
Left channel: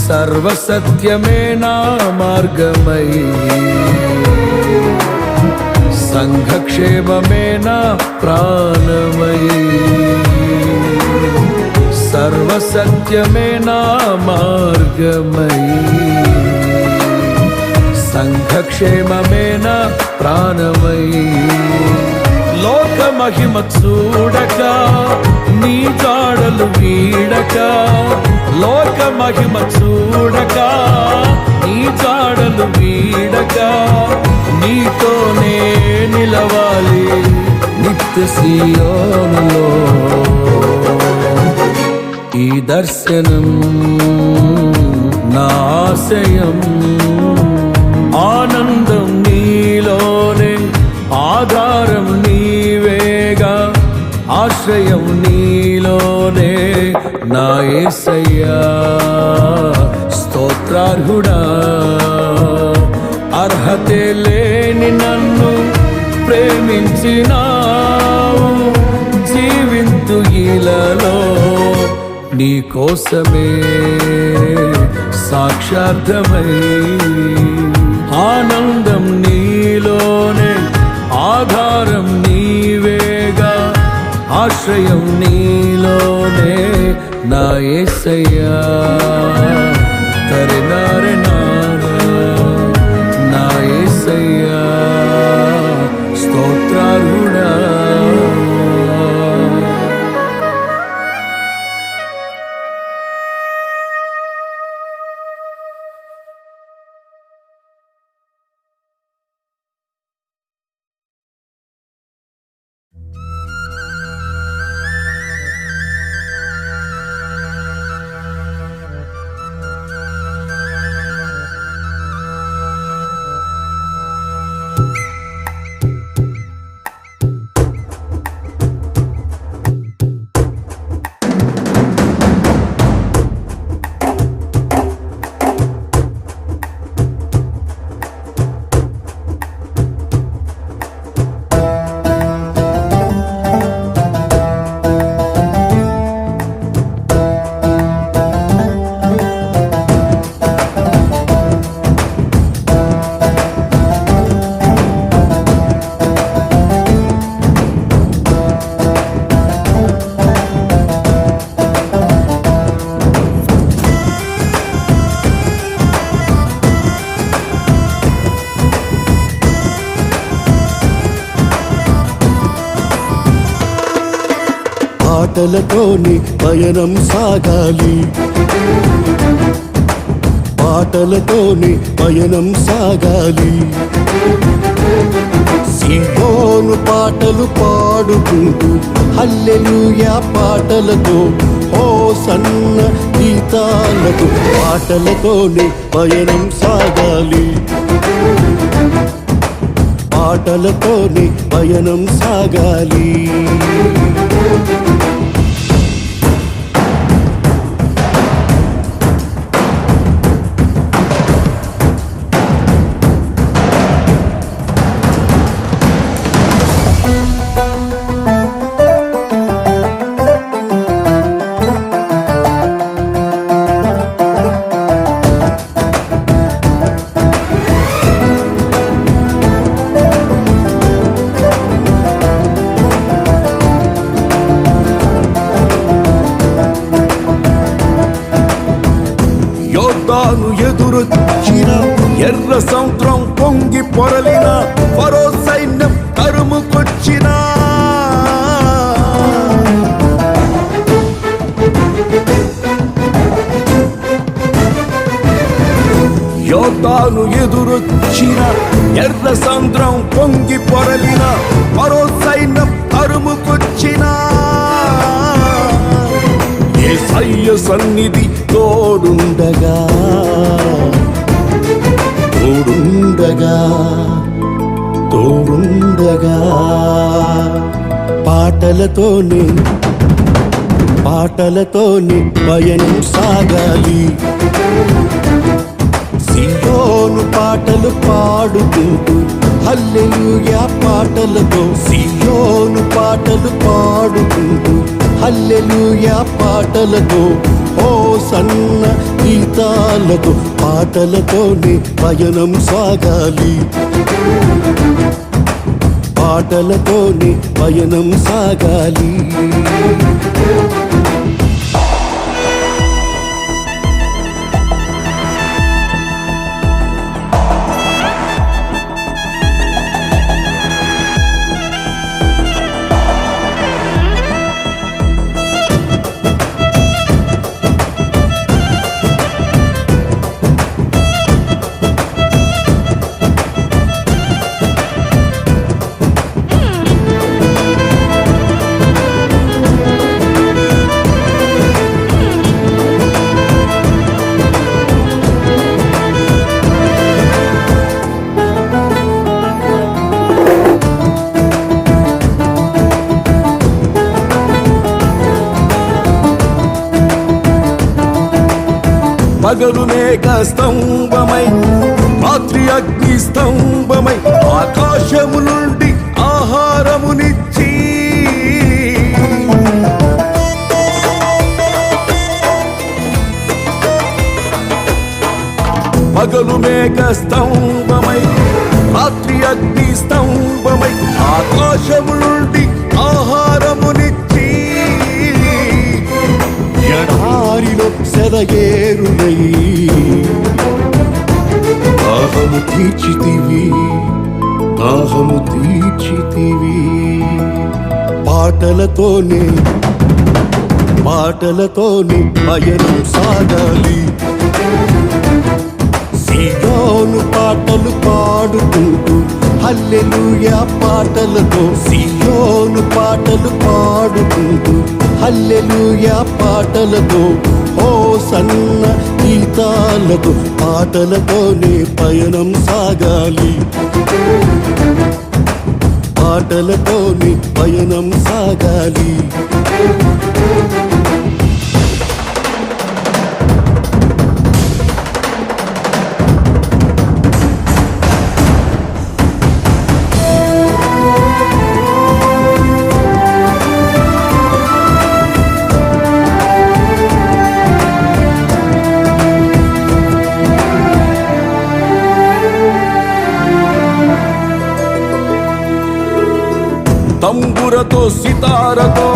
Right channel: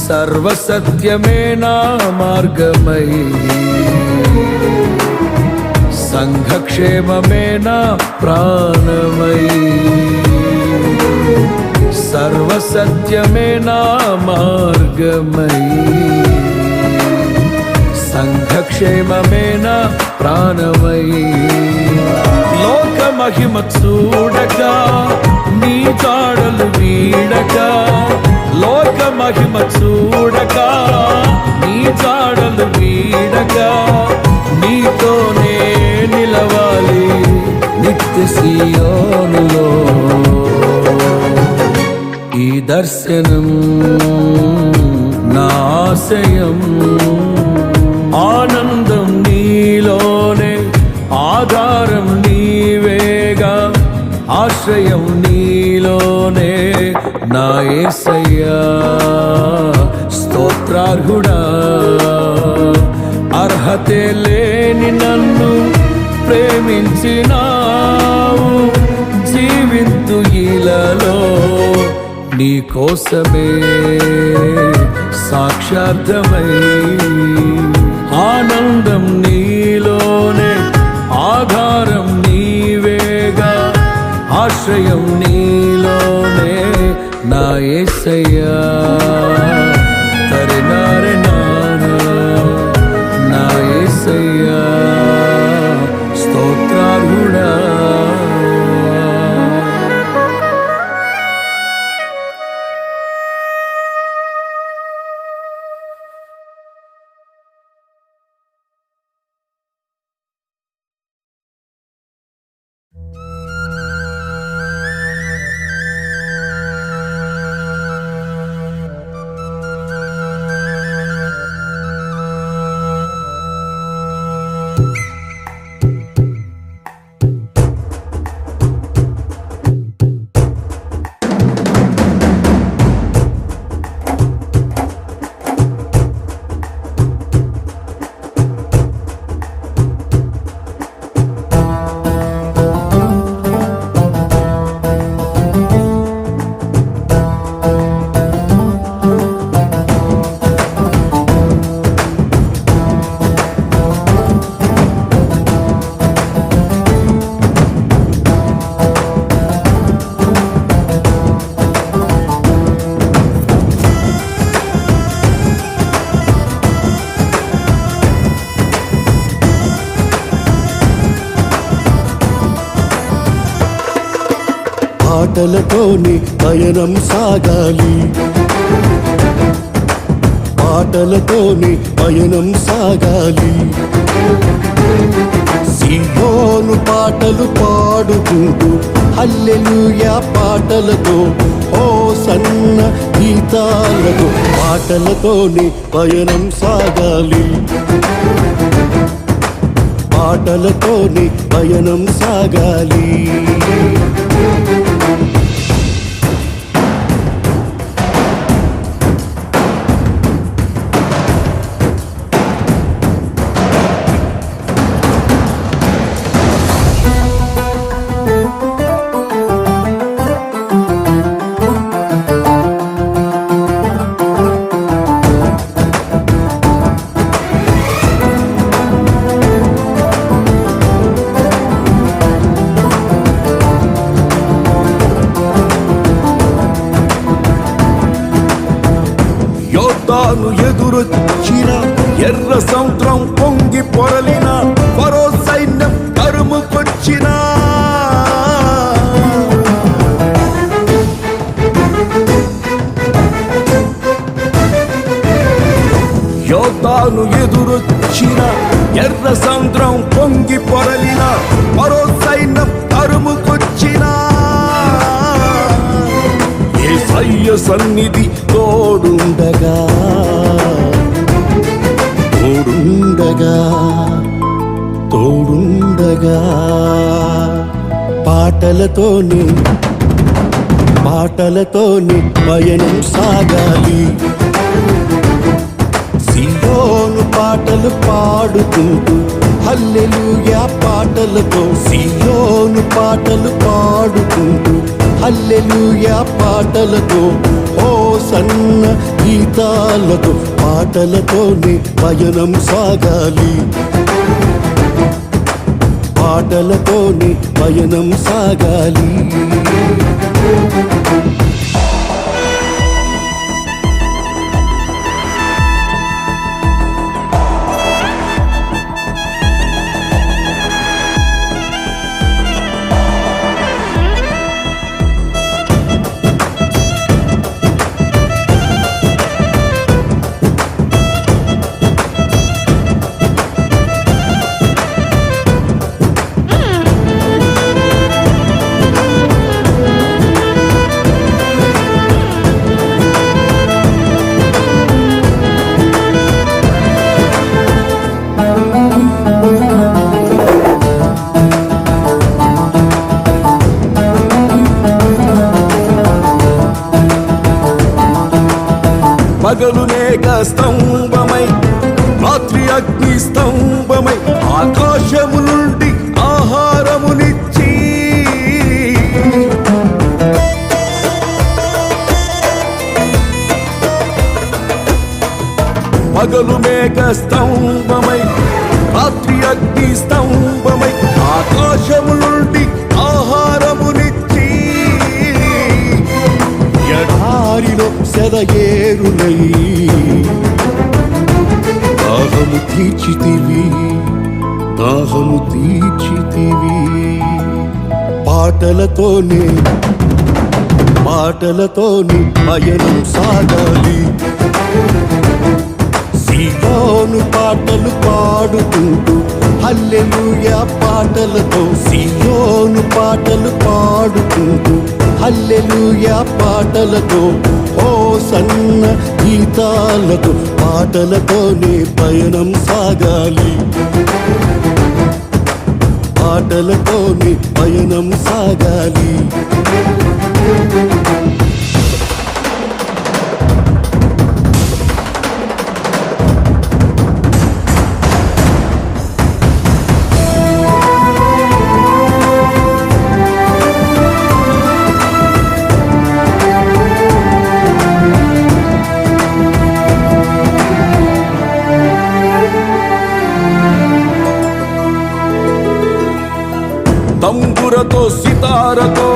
సర్వసత్యమే నా మార్గమై సంఘక్షేమమే నా ప్రాణమై సర్వసత్యమే నా మార్గమై సంఘక్షేమమే నా ప్రాణమై లోక మహిమ చూడక నీ జాడలు వీడక లోక మహిమ చూడక నీ జాడలు వీడక నీతోనే నిలవాలి నిత్య సియోనులో ఈ దర్శనం నా ఆశయం ఆనందం నీలోనే ఆధారం నీవేగా ఆశ్రయం నీలోనే నా యేసయ్యా స్తోత్రార్హుడా అర్హతే లేని నన్ను ప్రేమించినావు జీవింతు ఇలలో నీ కోసమే సాక్షార్థమై ఆనందం నీలోనే ఆధారం నీవేగా ఆశ్రయం నీలోనే నా యేసయ్యా తరినారె నా యేసయ్యా స్తోత్రార్హుడా. పాటలతోని పయనం సాగాలి, పాటలతోని పయనం సాగాలి. సీయోను పాటలు పాడుకుంటూ హల్లెలూయా పాటలతో హోసన్న గీతాలతో పాటలతోని పయనం సాగాలి, పాటలతోని పయనం సాగాలి. యోర్దాను ఎదురొచ్చిన ఎర్ర సముద్రం పొంగి పొరలిన ఫరో సైన్యం తరుముకొచ్చిన యోర్దాను ఎదురొచ్చిన ఎర్ర సముద్రం పొంగి పొరలిన ఫరో సైన్యం తరుముకొచ్చిన యేసయ్య సన్నిధి తోడుండగా తోడుండగా తోడుండగా పాటలతోనే పాటలతోనే పయనం సాగాలి. సీయోను పాటలు పాడుకుంటూ హల్లెలూయా పాటలతో సీయోను పాటలు పాడుకుంటూ హల్లెలూయా పాటలతో హోసన్న గీతాలతో పాటలతోనే పయనం సాగాలి, పాటలతోనే పయనం సాగాలి. పగలు మేఘ స్తంభమై రాత్రి అగ్ని స్తంభమై ఆకాశము నుండి ఆహారమునిచ్చి పగలు మేఘ స్తంభమై రాత్రి అగ్ని స్తంభమై ఆకాశము నుండి ఆహారమునిచ్చి దారిలో సెలయేరులై దాహము తీర్చితివి దాహము తీర్చితివి పాటలతోనే పయనం సాగాలి సియోను పాటలు పాడుకుంటూ హల్లెలూయా పాటలతో సియోను పాటలు పాడుకుంటూ హల్లెలూయా పాటలతో హోసన్న గీతాలతో పాటలతోనే పయనం సాగాలి పాటలతోనే పయనం సాగాలి తంబురతో సితారతో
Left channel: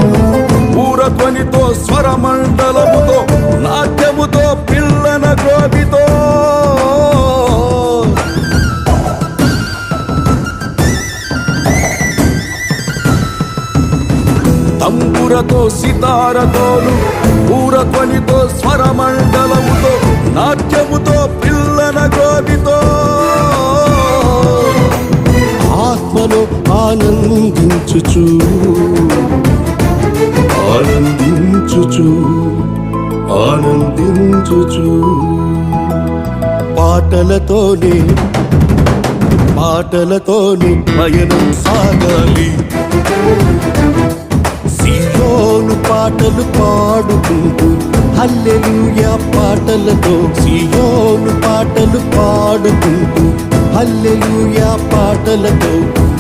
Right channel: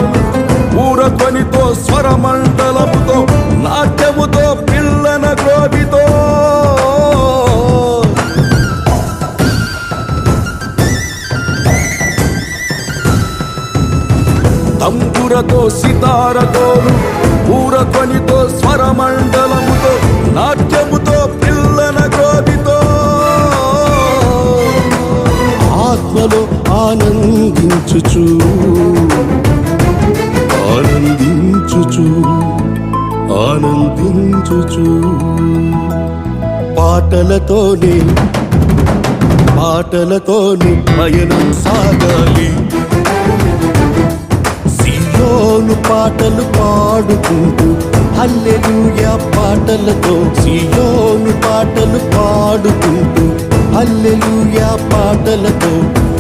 ఊరధ్వనితో స్వరమండలముతో నాట్యముతో పిల్లన గ్రోవితో తంబురతో సితారతోను ఊరధ్వనితో స్వరమండలముతో నాట్యముతో పిల్లన గ్రోవితో ఆత్మలో ఆనందించుచు పాటలతోనే పయనం సాగాలి సియోను పాటలు పాడుకుంటూ హల్లెలూయా పాటలతో సియోను పాటలు పాడుకుంటూ హల్లెలూయా పాటలతో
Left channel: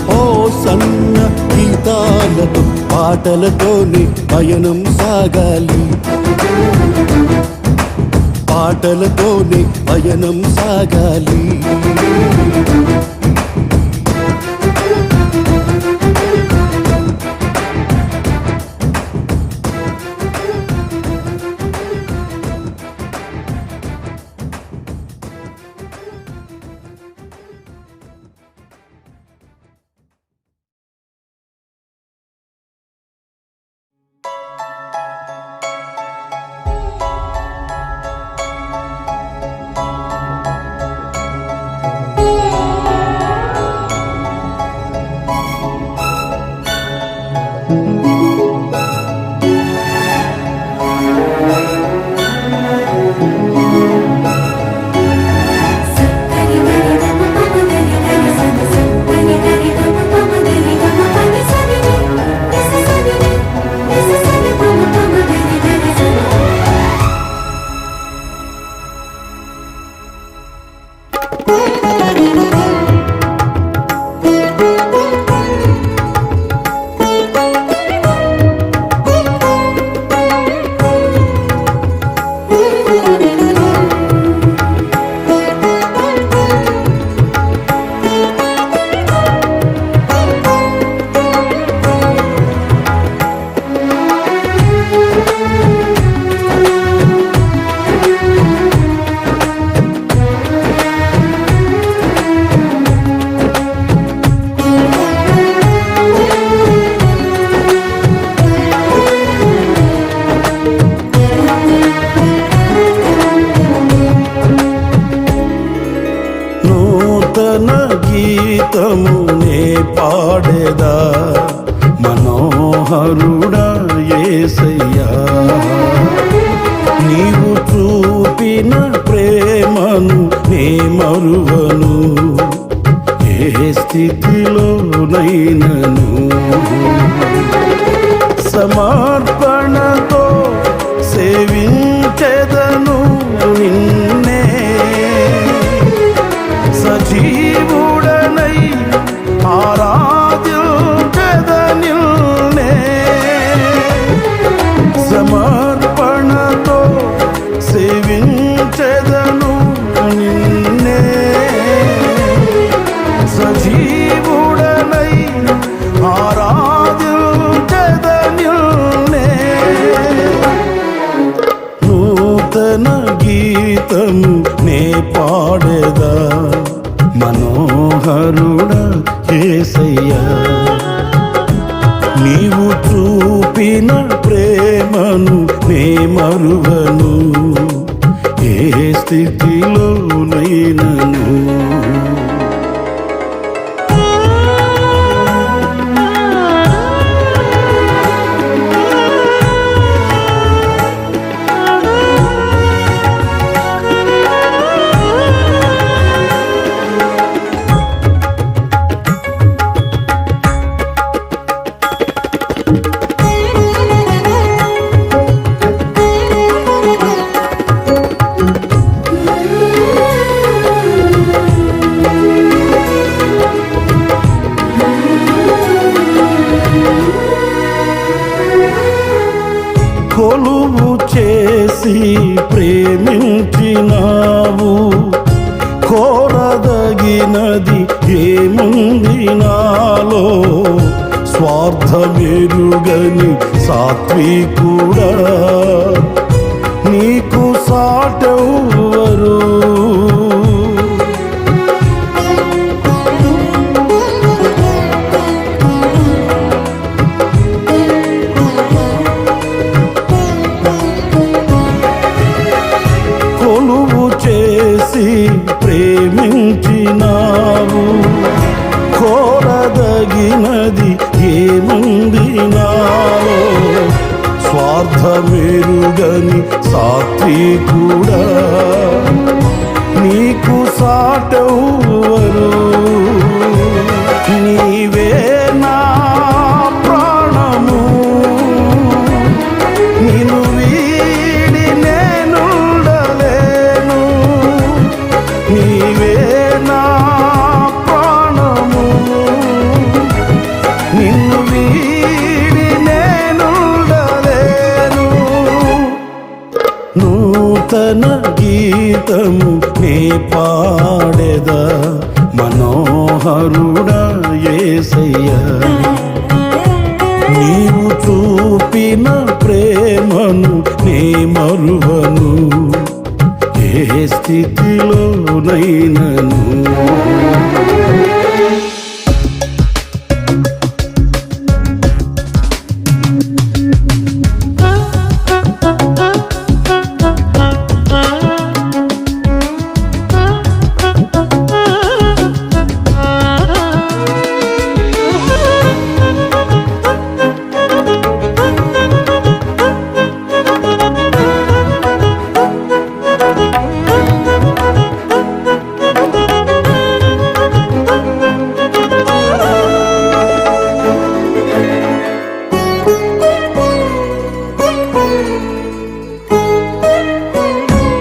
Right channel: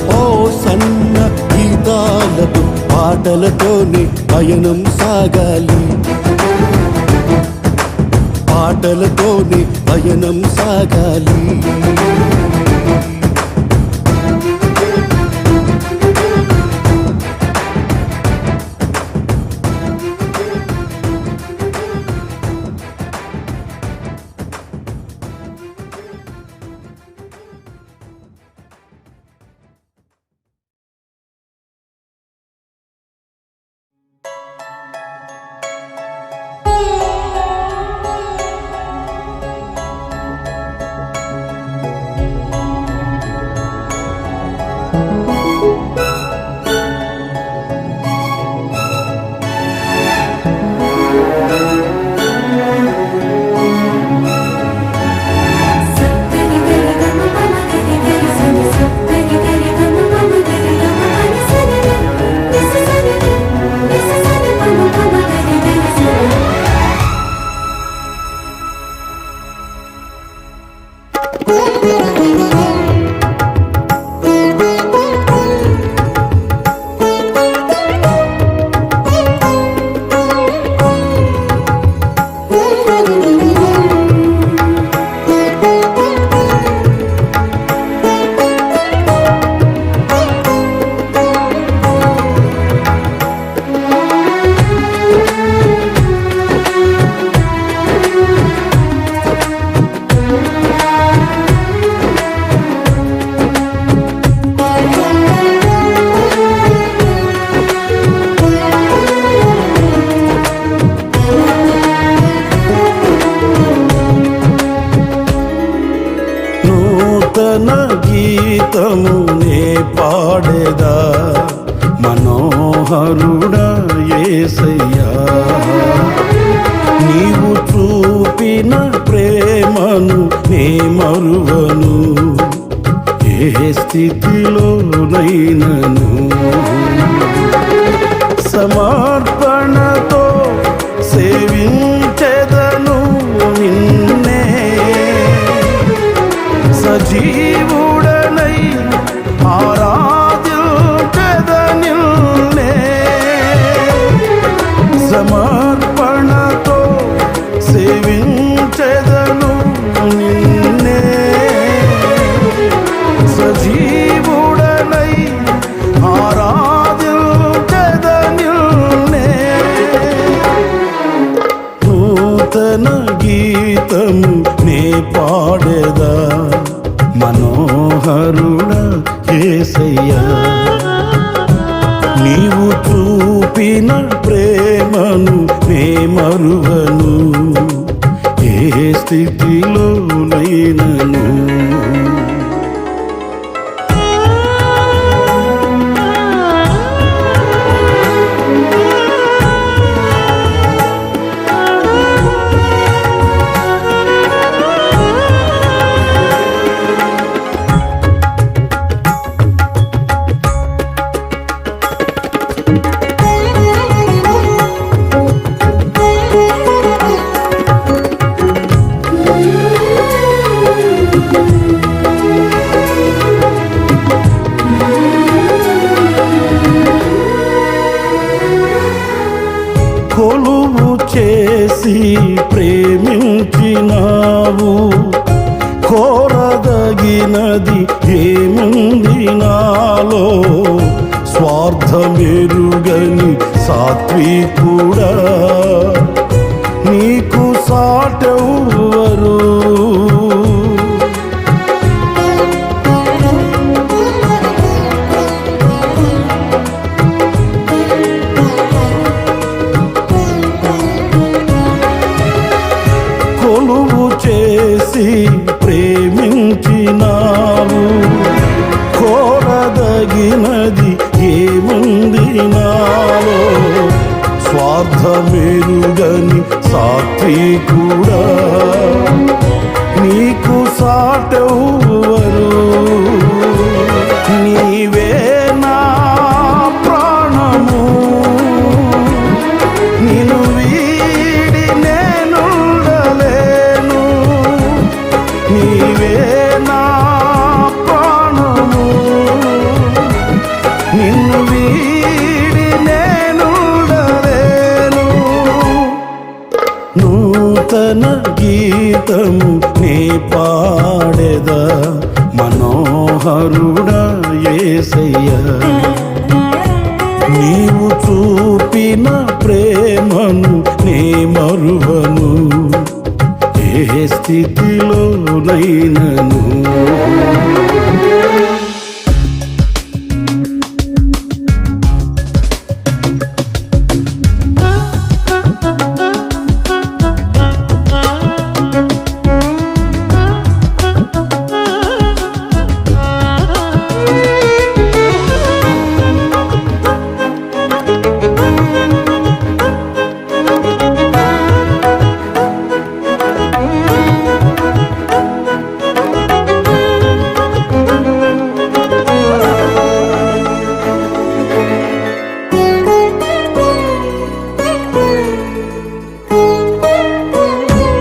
హోసన్న గీతాలతో పాటలతోనే పయనం సాగాలి పాటలతోనే పయనం సాగాలి నూతన గీతమునే పాడేదా మనోహరుడా యేసయ్యా నీవు చూపిన ప్రేమను నే మరువను ఏ స్థితిలోనైనను సమర్పణతో సేవించెదను నిన్నే సజీవుడనై ఆరాధ్యుడనిల్నే సమర్పణతో సేవించెదను నిన్నే సజీవుడనై ఆరాధ్యుడనిల్నే నూతన గీతము నే పాడేదా మనోహరుడా యేసయ్యా నీవు చూపిన ప్రేమను నే మరువను ఏ స్థితిలోనైనను కొలువు చేసి ప్రేమించినావు కోరదగినది ఏముంది నాలో స్వార్థమెరుగని సాత్వికుడా నీకు సాటెవ్వరు కొలువు చేసి ప్రేమించినావు కోరదగినది ఏముంది నాలో స్వార్థమెరుగని సాత్వికుడా నీకు సాటెవ్వరు నీవే నా ప్రాణము నిన్ను వీడి నేనుండలేను నీవే నా ప్రాణము నిన్ను వీడి నేనుండలేను నూతన గీతము నే పాడేదా మనోహరుడా యేసయ్యా నీవు చూపిన ప్రేమను నే మరువను ఏ స్థితిలోనైనను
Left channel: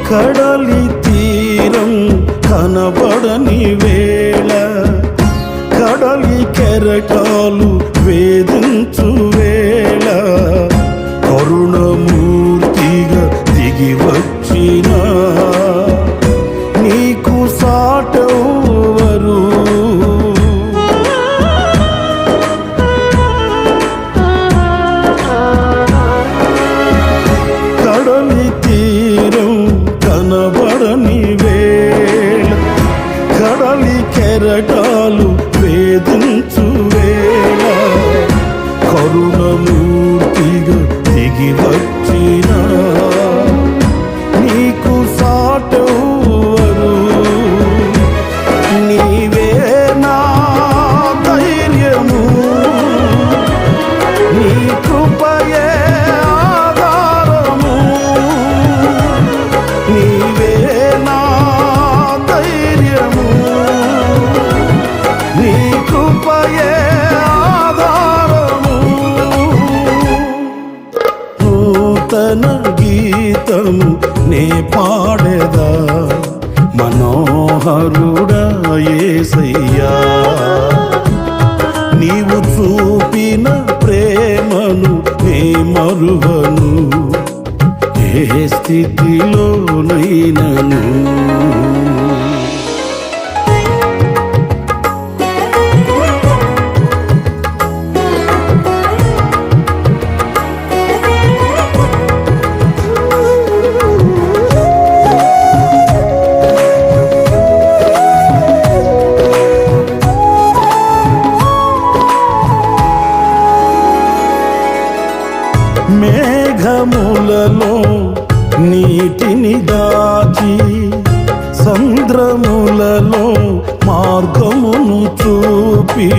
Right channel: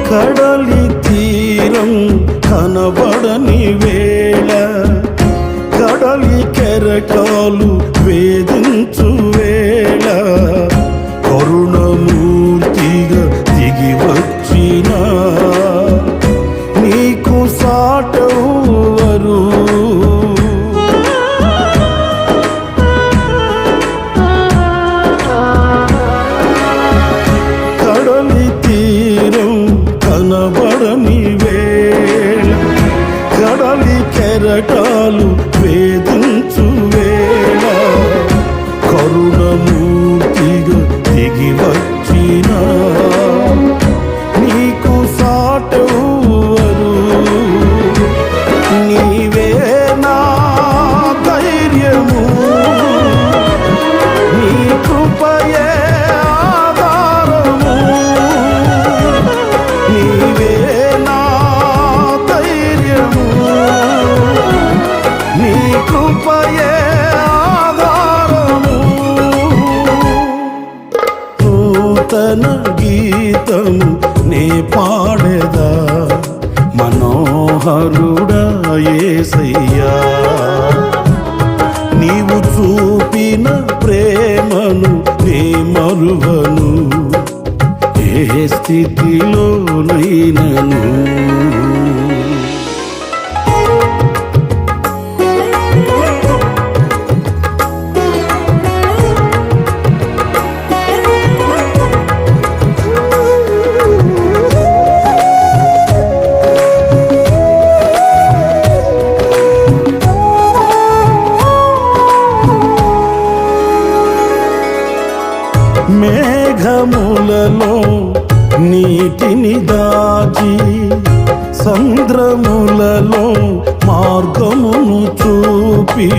కడలి తీరం కనబడని వేళ కడలి కెరటాలు వేధించు వేళ కరుణమూర్తిగా దిగి వచ్చిన నీకు సాటెవ్వరు కడలి తీరం కనబడని వేళ కడలి కెరటాలు వేధించు వేళ కరుణమూర్తిగా దిగి వచ్చిన నీకు సాటెవ్వరు నీవే నా ధైర్యము నీ కృపయే ఆధారము నీవే నా ధైర్యము నీ కృపయే ఆధారము నూతన గీతము నే పాడేదా మనోహరుడా యేసయ్యా నీవు చూపిన ప్రేమను నే మరువను ఏ స్థితిలోనైనను మేఘములలో నీటిని దాచి సంద్రములలో మార్గమును చూపి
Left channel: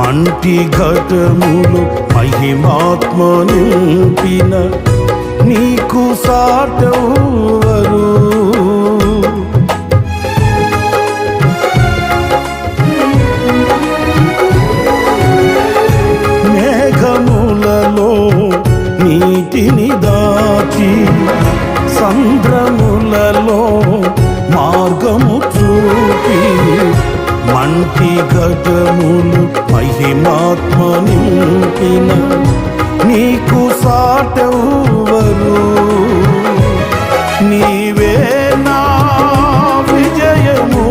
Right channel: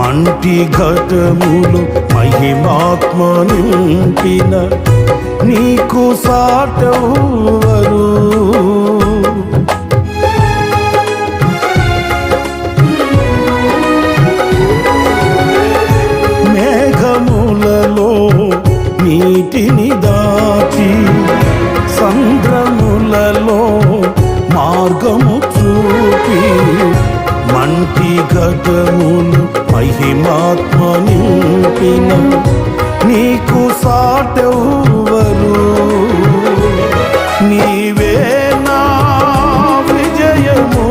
మంటి ఘటములు మహిమాత్మ నింపిన నీకు సాటెవ్వరు. మేఘములలో నీటిని దాచి సంద్రములలో మార్గము చూపి మంటి ఘటములు మహిమాత్మ నింపిన నీకు సాటెవ్వరు. నీవే నా విజయము,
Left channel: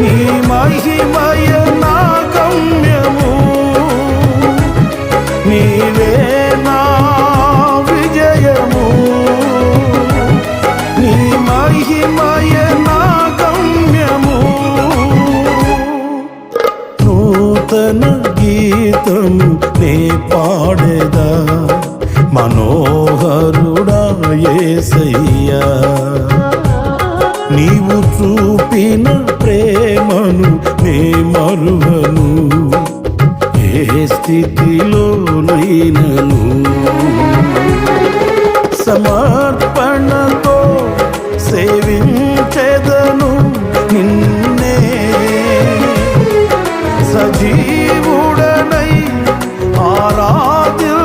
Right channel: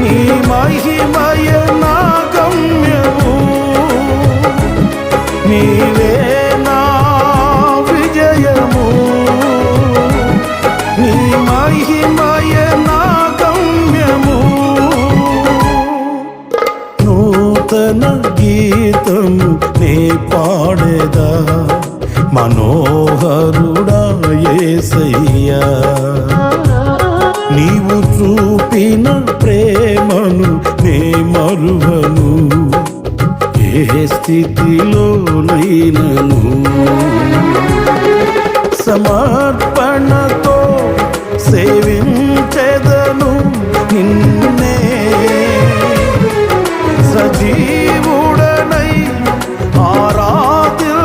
నీ మహిమయ నా గమ్యము. నీవే నా విజయము, నీ మహిమయ నా గమ్యము. నూతన గీతము నే పాడేదా మనోహరుడా యేసయ్యా. నీవు చూపిన ప్రేమను నే మరువను ఏ స్థితిలోనైనను. సమర్పణతో సేవించెదను నిన్నే, సజీవుడనై ఆరాధించెదనిన్నే.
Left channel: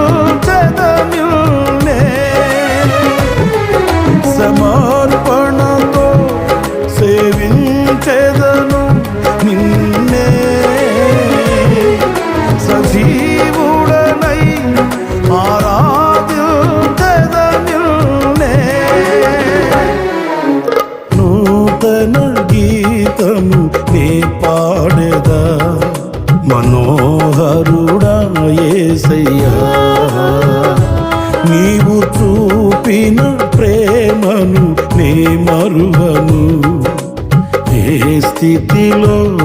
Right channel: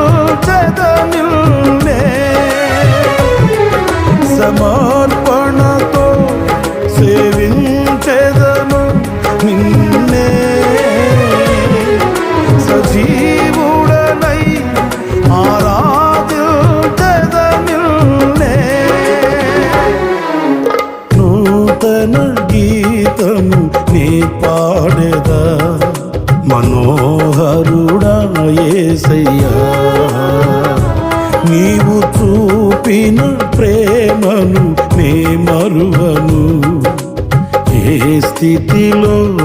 సమర్పణతో సేవించెదను నిన్నే, సజీవుడనై ఆరాధించెదనిన్నే. నూతన గీతము నే పాడేదా మనోహరుడా యేసయ్యా. నీవు చూపిన ప్రేమను నే మరువను ఏ స్థితిలోనైనను.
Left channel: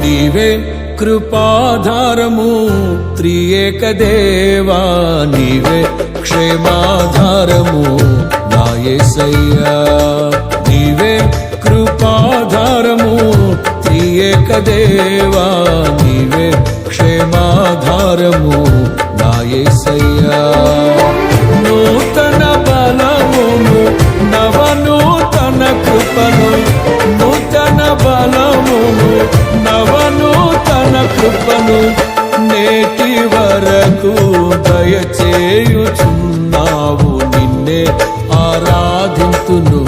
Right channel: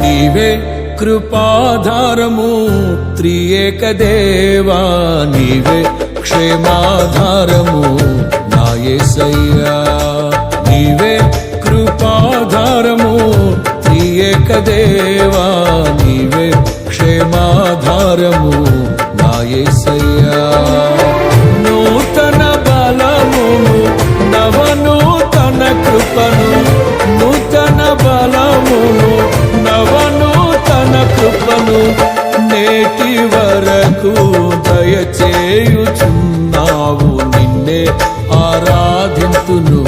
నీవే కృపాధారము త్రియేక దేవా. నీవే క్షేమాధారము నా యేసయ్యా. నీవే కృపాధారము త్రియేక దేవా. నీవే క్షేమాధారము నా యేసయ్యా. నూతన బలమును నవనూతన కృపను, నూతన బలమును నవనూతన కృపను నేటి వరకు దయచేయుచున్నావు. నిన్నే ఆరాధింతును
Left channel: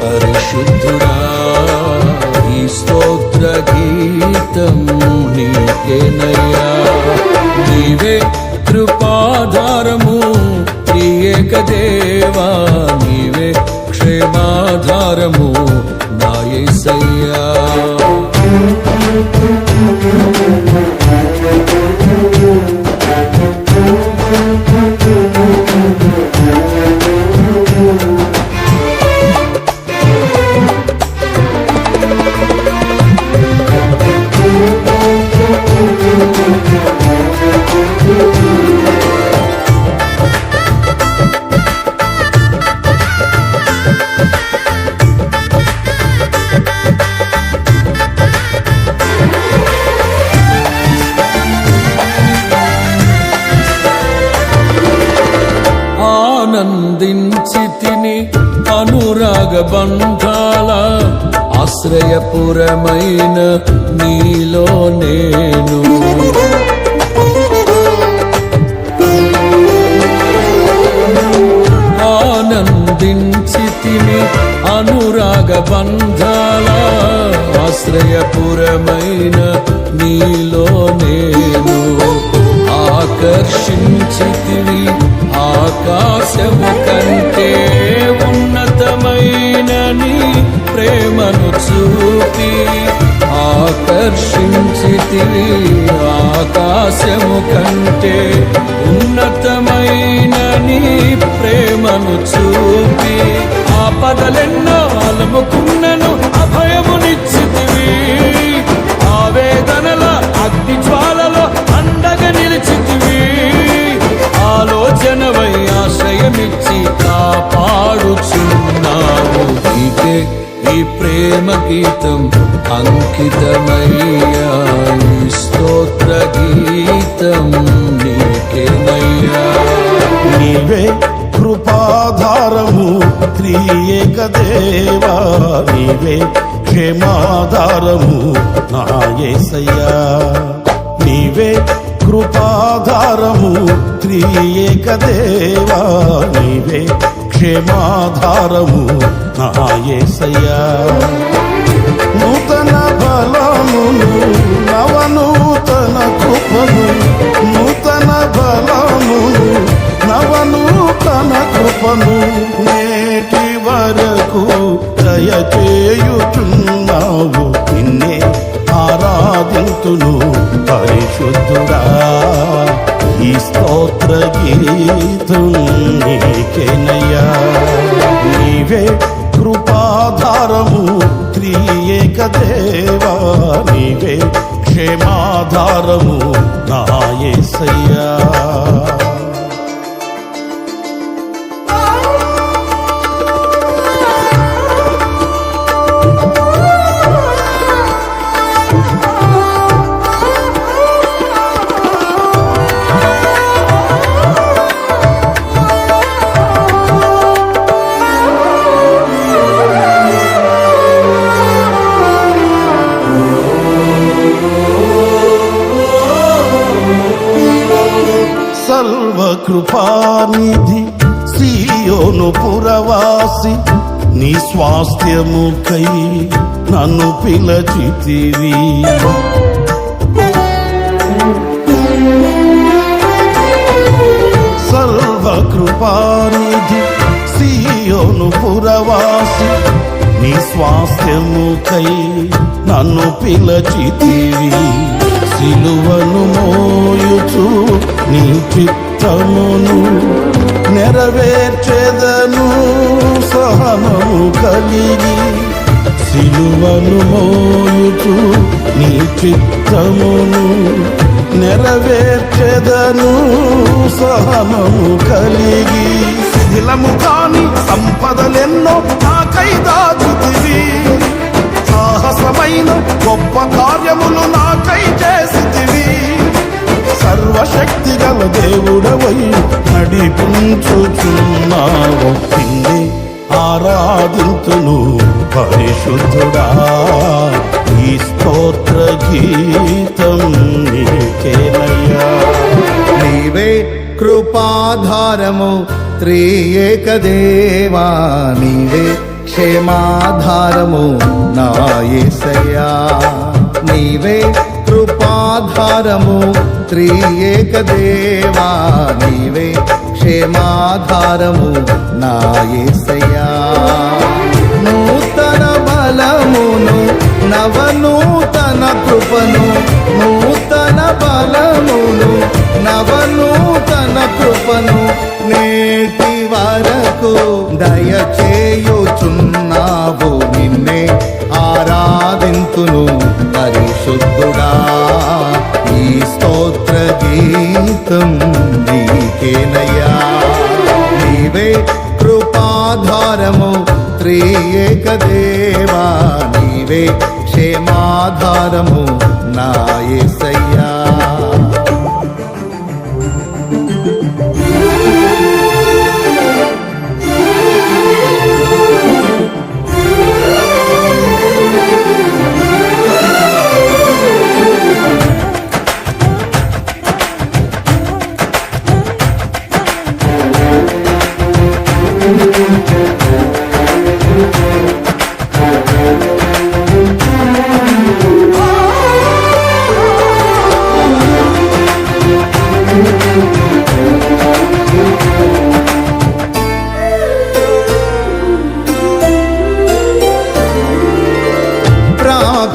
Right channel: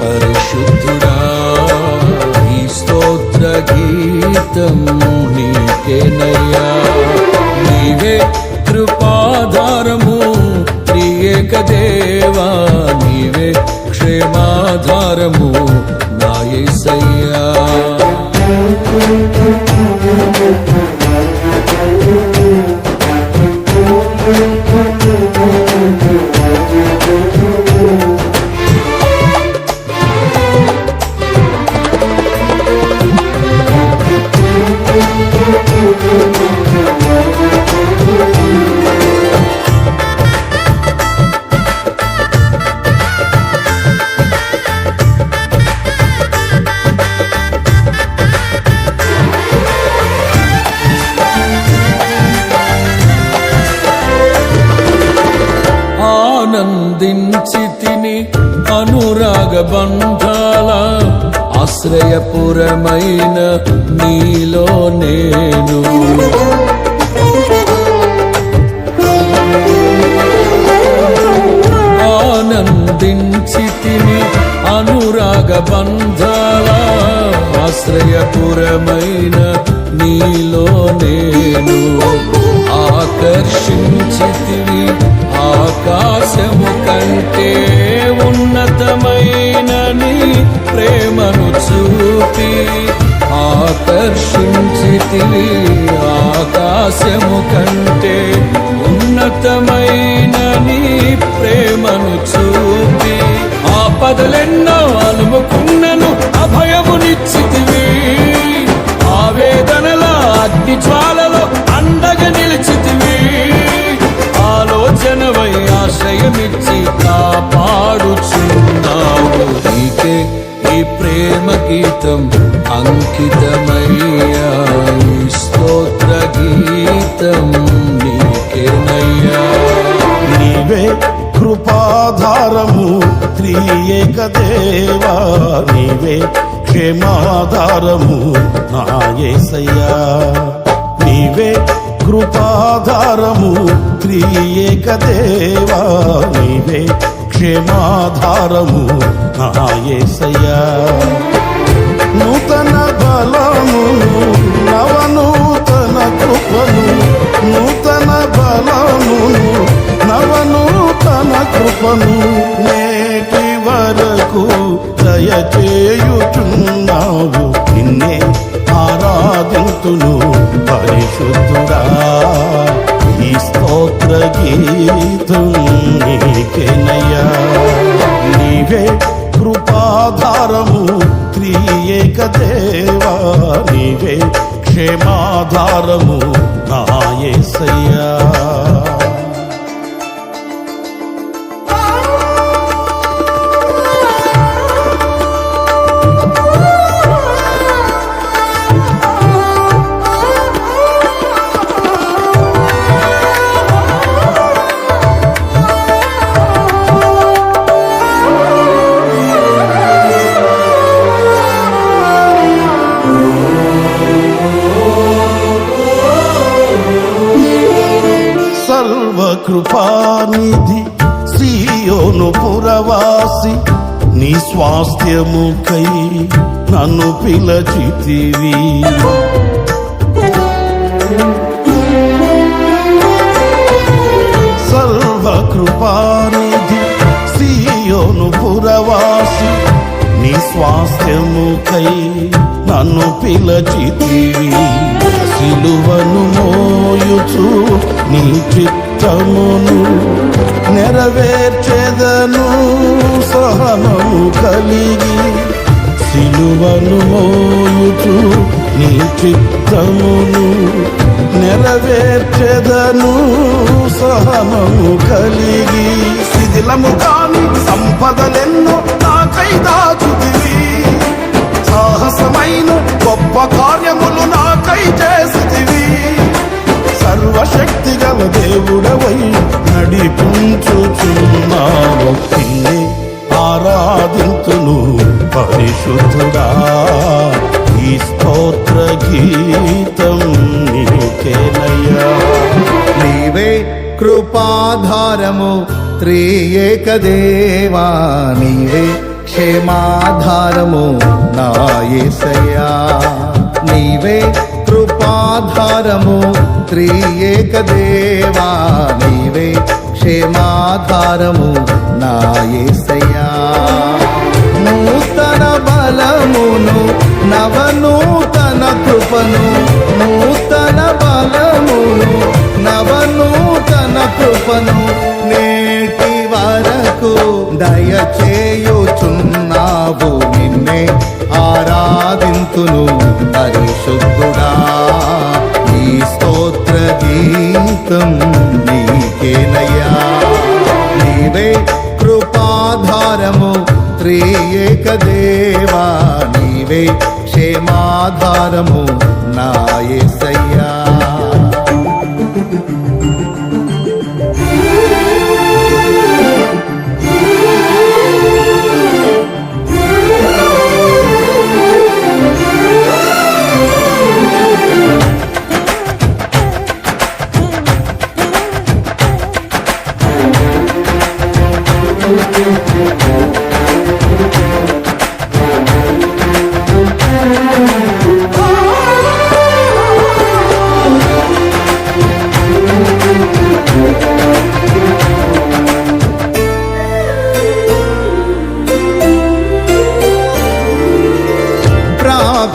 పరిశుద్ధుడా. ఈ స్తోత్ర గీతం నీకేనయ్యా. నీవే కృపాధారము త్రియేక దేవా. నీవే క్షేమాధారము నా యేసయ్యా. ఆనందించి తిని అనురాగ బంధాల ఆశ్రయపురమైన నీలో నేను ఆనందించి తిని అనురాగ బంధాల ఆశ్రయపురమైన నీలో నేను ఆకర్షించితివి ఆకాశము కంటే ఉన్నతమైన నీ ప్రేమను చూపి ఆకర్షించితివి ఆకాశము కంటే ఉన్నతమైన నీ ప్రేమను చూపి ఆపదలెన్నో అలుముకున్నను అభయమునిచ్చితివి ఆవేదనల అగ్ని జ్వాలలో అండగా నిలిచితివి ఆలోచనవై ఆశ్రయమిచ్చి కాపాడుచున్నావు నీకే ఈ ప్రేమ గీతం అంకితమయ్యా ఈ స్తోత్ర గీతం నీకేనయ్యా నీవే కృపాధారము త్రియేక దేవా నీవే క్షేమాధారము నా యేసయ్యా నీవే కృపాధారము త్రియేక దేవా నీవే క్షేమాధారము నా యేసయ్యా నూతన బలమును నవనూతన కృపను నూతన బలమును నవనూతన కృపను నేటి వరకు దయచేయుచున్నావు నిన్నే ఆరాధింతును పరిశుద్ధుడా ఈ స్తోత్ర గీతం నీకేనయ్యా నీవే కృపాధారము త్రియేక దేవా నీవే క్షేమాధారము నా యేసయ్యా సర్వకృపానిధి సీయోను పురవాసి నీ స్వాస్థ్యముకై నన్ను పిలచితివి సర్వకృపానిధి సీయోను పురవాసి నీ స్వాస్థ్యముకై నన్ను పిలచితివి సిలువను మోయుచు నీ చిత్తమును నెరవేర్చెదను సహనము కలిగి సిలువను మోయుచు నీ చిత్తమును నెరవేర్చెదను సహనము కలిగి శిథిలము కాని సంపదలెన్నో నాకై దాచుతివి సాహసమైన గొప్ప కార్యములు నాకై చేసితివి సర్వశక్తి గల దేవుడవై నడిపించుచున్నావు నిన్నే ఆరాధింతును పరిశుద్ధుడా ఈ స్తోత్ర గీతం నీకేనయ్యా నీవే కృపాధారము త్రియేక దేవా నీవే క్షేమాధారము నా యేసయ్యా నీవే కృపాధారము త్రియేక దేవా నీవే క్షేమాధారము నా యేసయ్యా నూతన బలమును నవనూతన కృపను నూతన బలమును నవనూతన కృపను నేటి వరకు దయచేయుచున్నావు నిన్నే ఆరాధింతును పరిశుద్ధుడా ఈ స్తోత్ర గీతం నీకేనయ్యా నీవే కృపాధారము త్రియేక దేవా నీవే క్షేమాధారము నా యేసయ్యా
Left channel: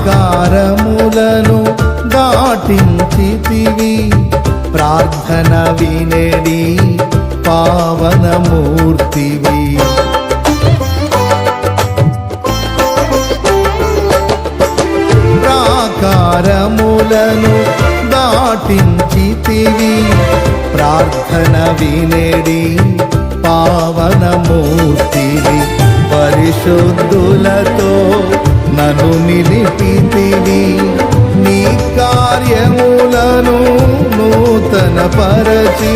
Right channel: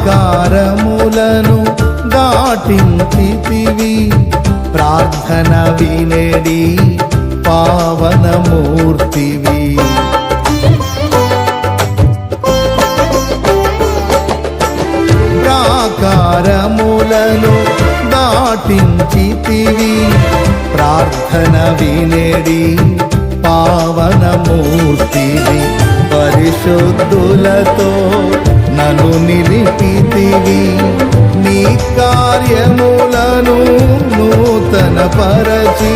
ప్రాకారములను దాటించితివి ప్రార్థన వినేడి పావనమూర్తివి ప్రాకారములను దాటించితివి ప్రార్థన వినేడి పావనమూర్తివి పరిశుద్ధులతో నన్ను నిలిపితివి నీ కార్యములను నూతన పరచి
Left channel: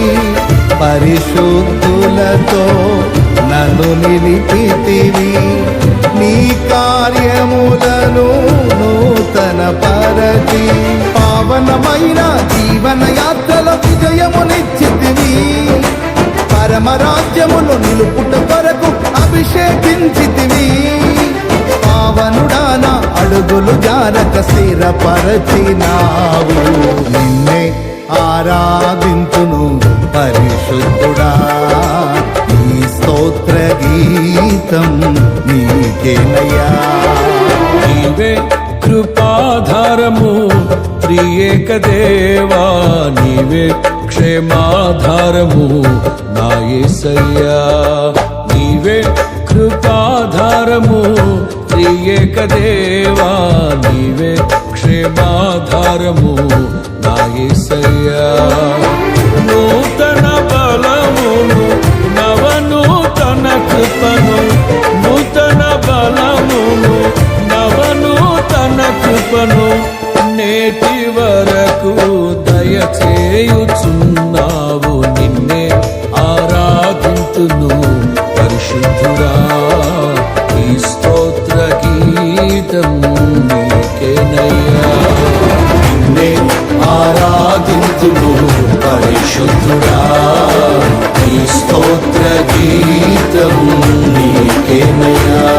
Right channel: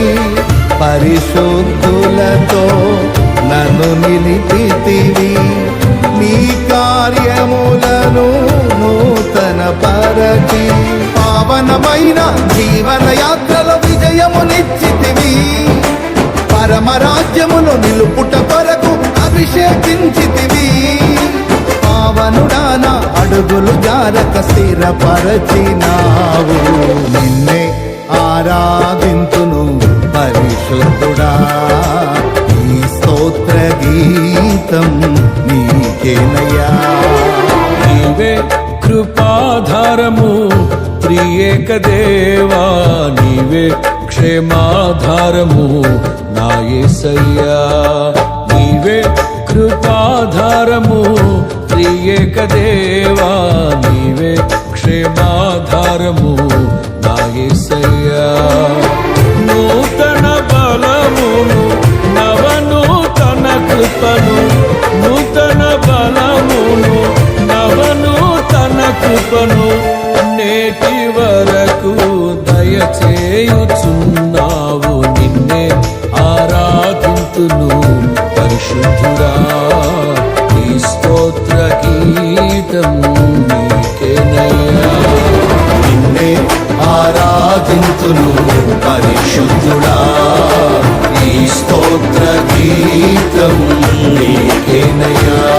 పరిశుద్ధులతో నన్ను నిలిపితివి నీ కార్యములను నూతన పరచి పావనమైన జీవన యాత్రల విజయమునిచ్చితివి పరమరాజ్యమును నిలుపుట కొరకు అభిషేకించితివి పావనుడాన అడుగులు జారక స్థిరపరచినావు నిన్నే ఆరాధింతును పరిశుద్ధుడా ఈ స్తోత్ర గీతం నీకేనయ్యా నీవే కృపాధారము త్రియేక దేవా నీవే క్షేమాధారము నా యేసయ్యా నీవే కృపాధారము త్రియేక దేవా నీవే క్షేమాధారము నా యేసయ్యా నూతన బలమును నవనూతన కృపను నూతన బలమును నవనూతన కృపను నేటి వరకు దయచేయుచున్నావు నిన్నే ఆరాధింతును పరిశుద్ధుడా ఈ స్తోత్ర గీతం నీకేనయ్యా నిన్నే ఆరాధింతును పరిశుద్ధుడా ఈ స్తోత్ర గీతం నీకేనయ్యా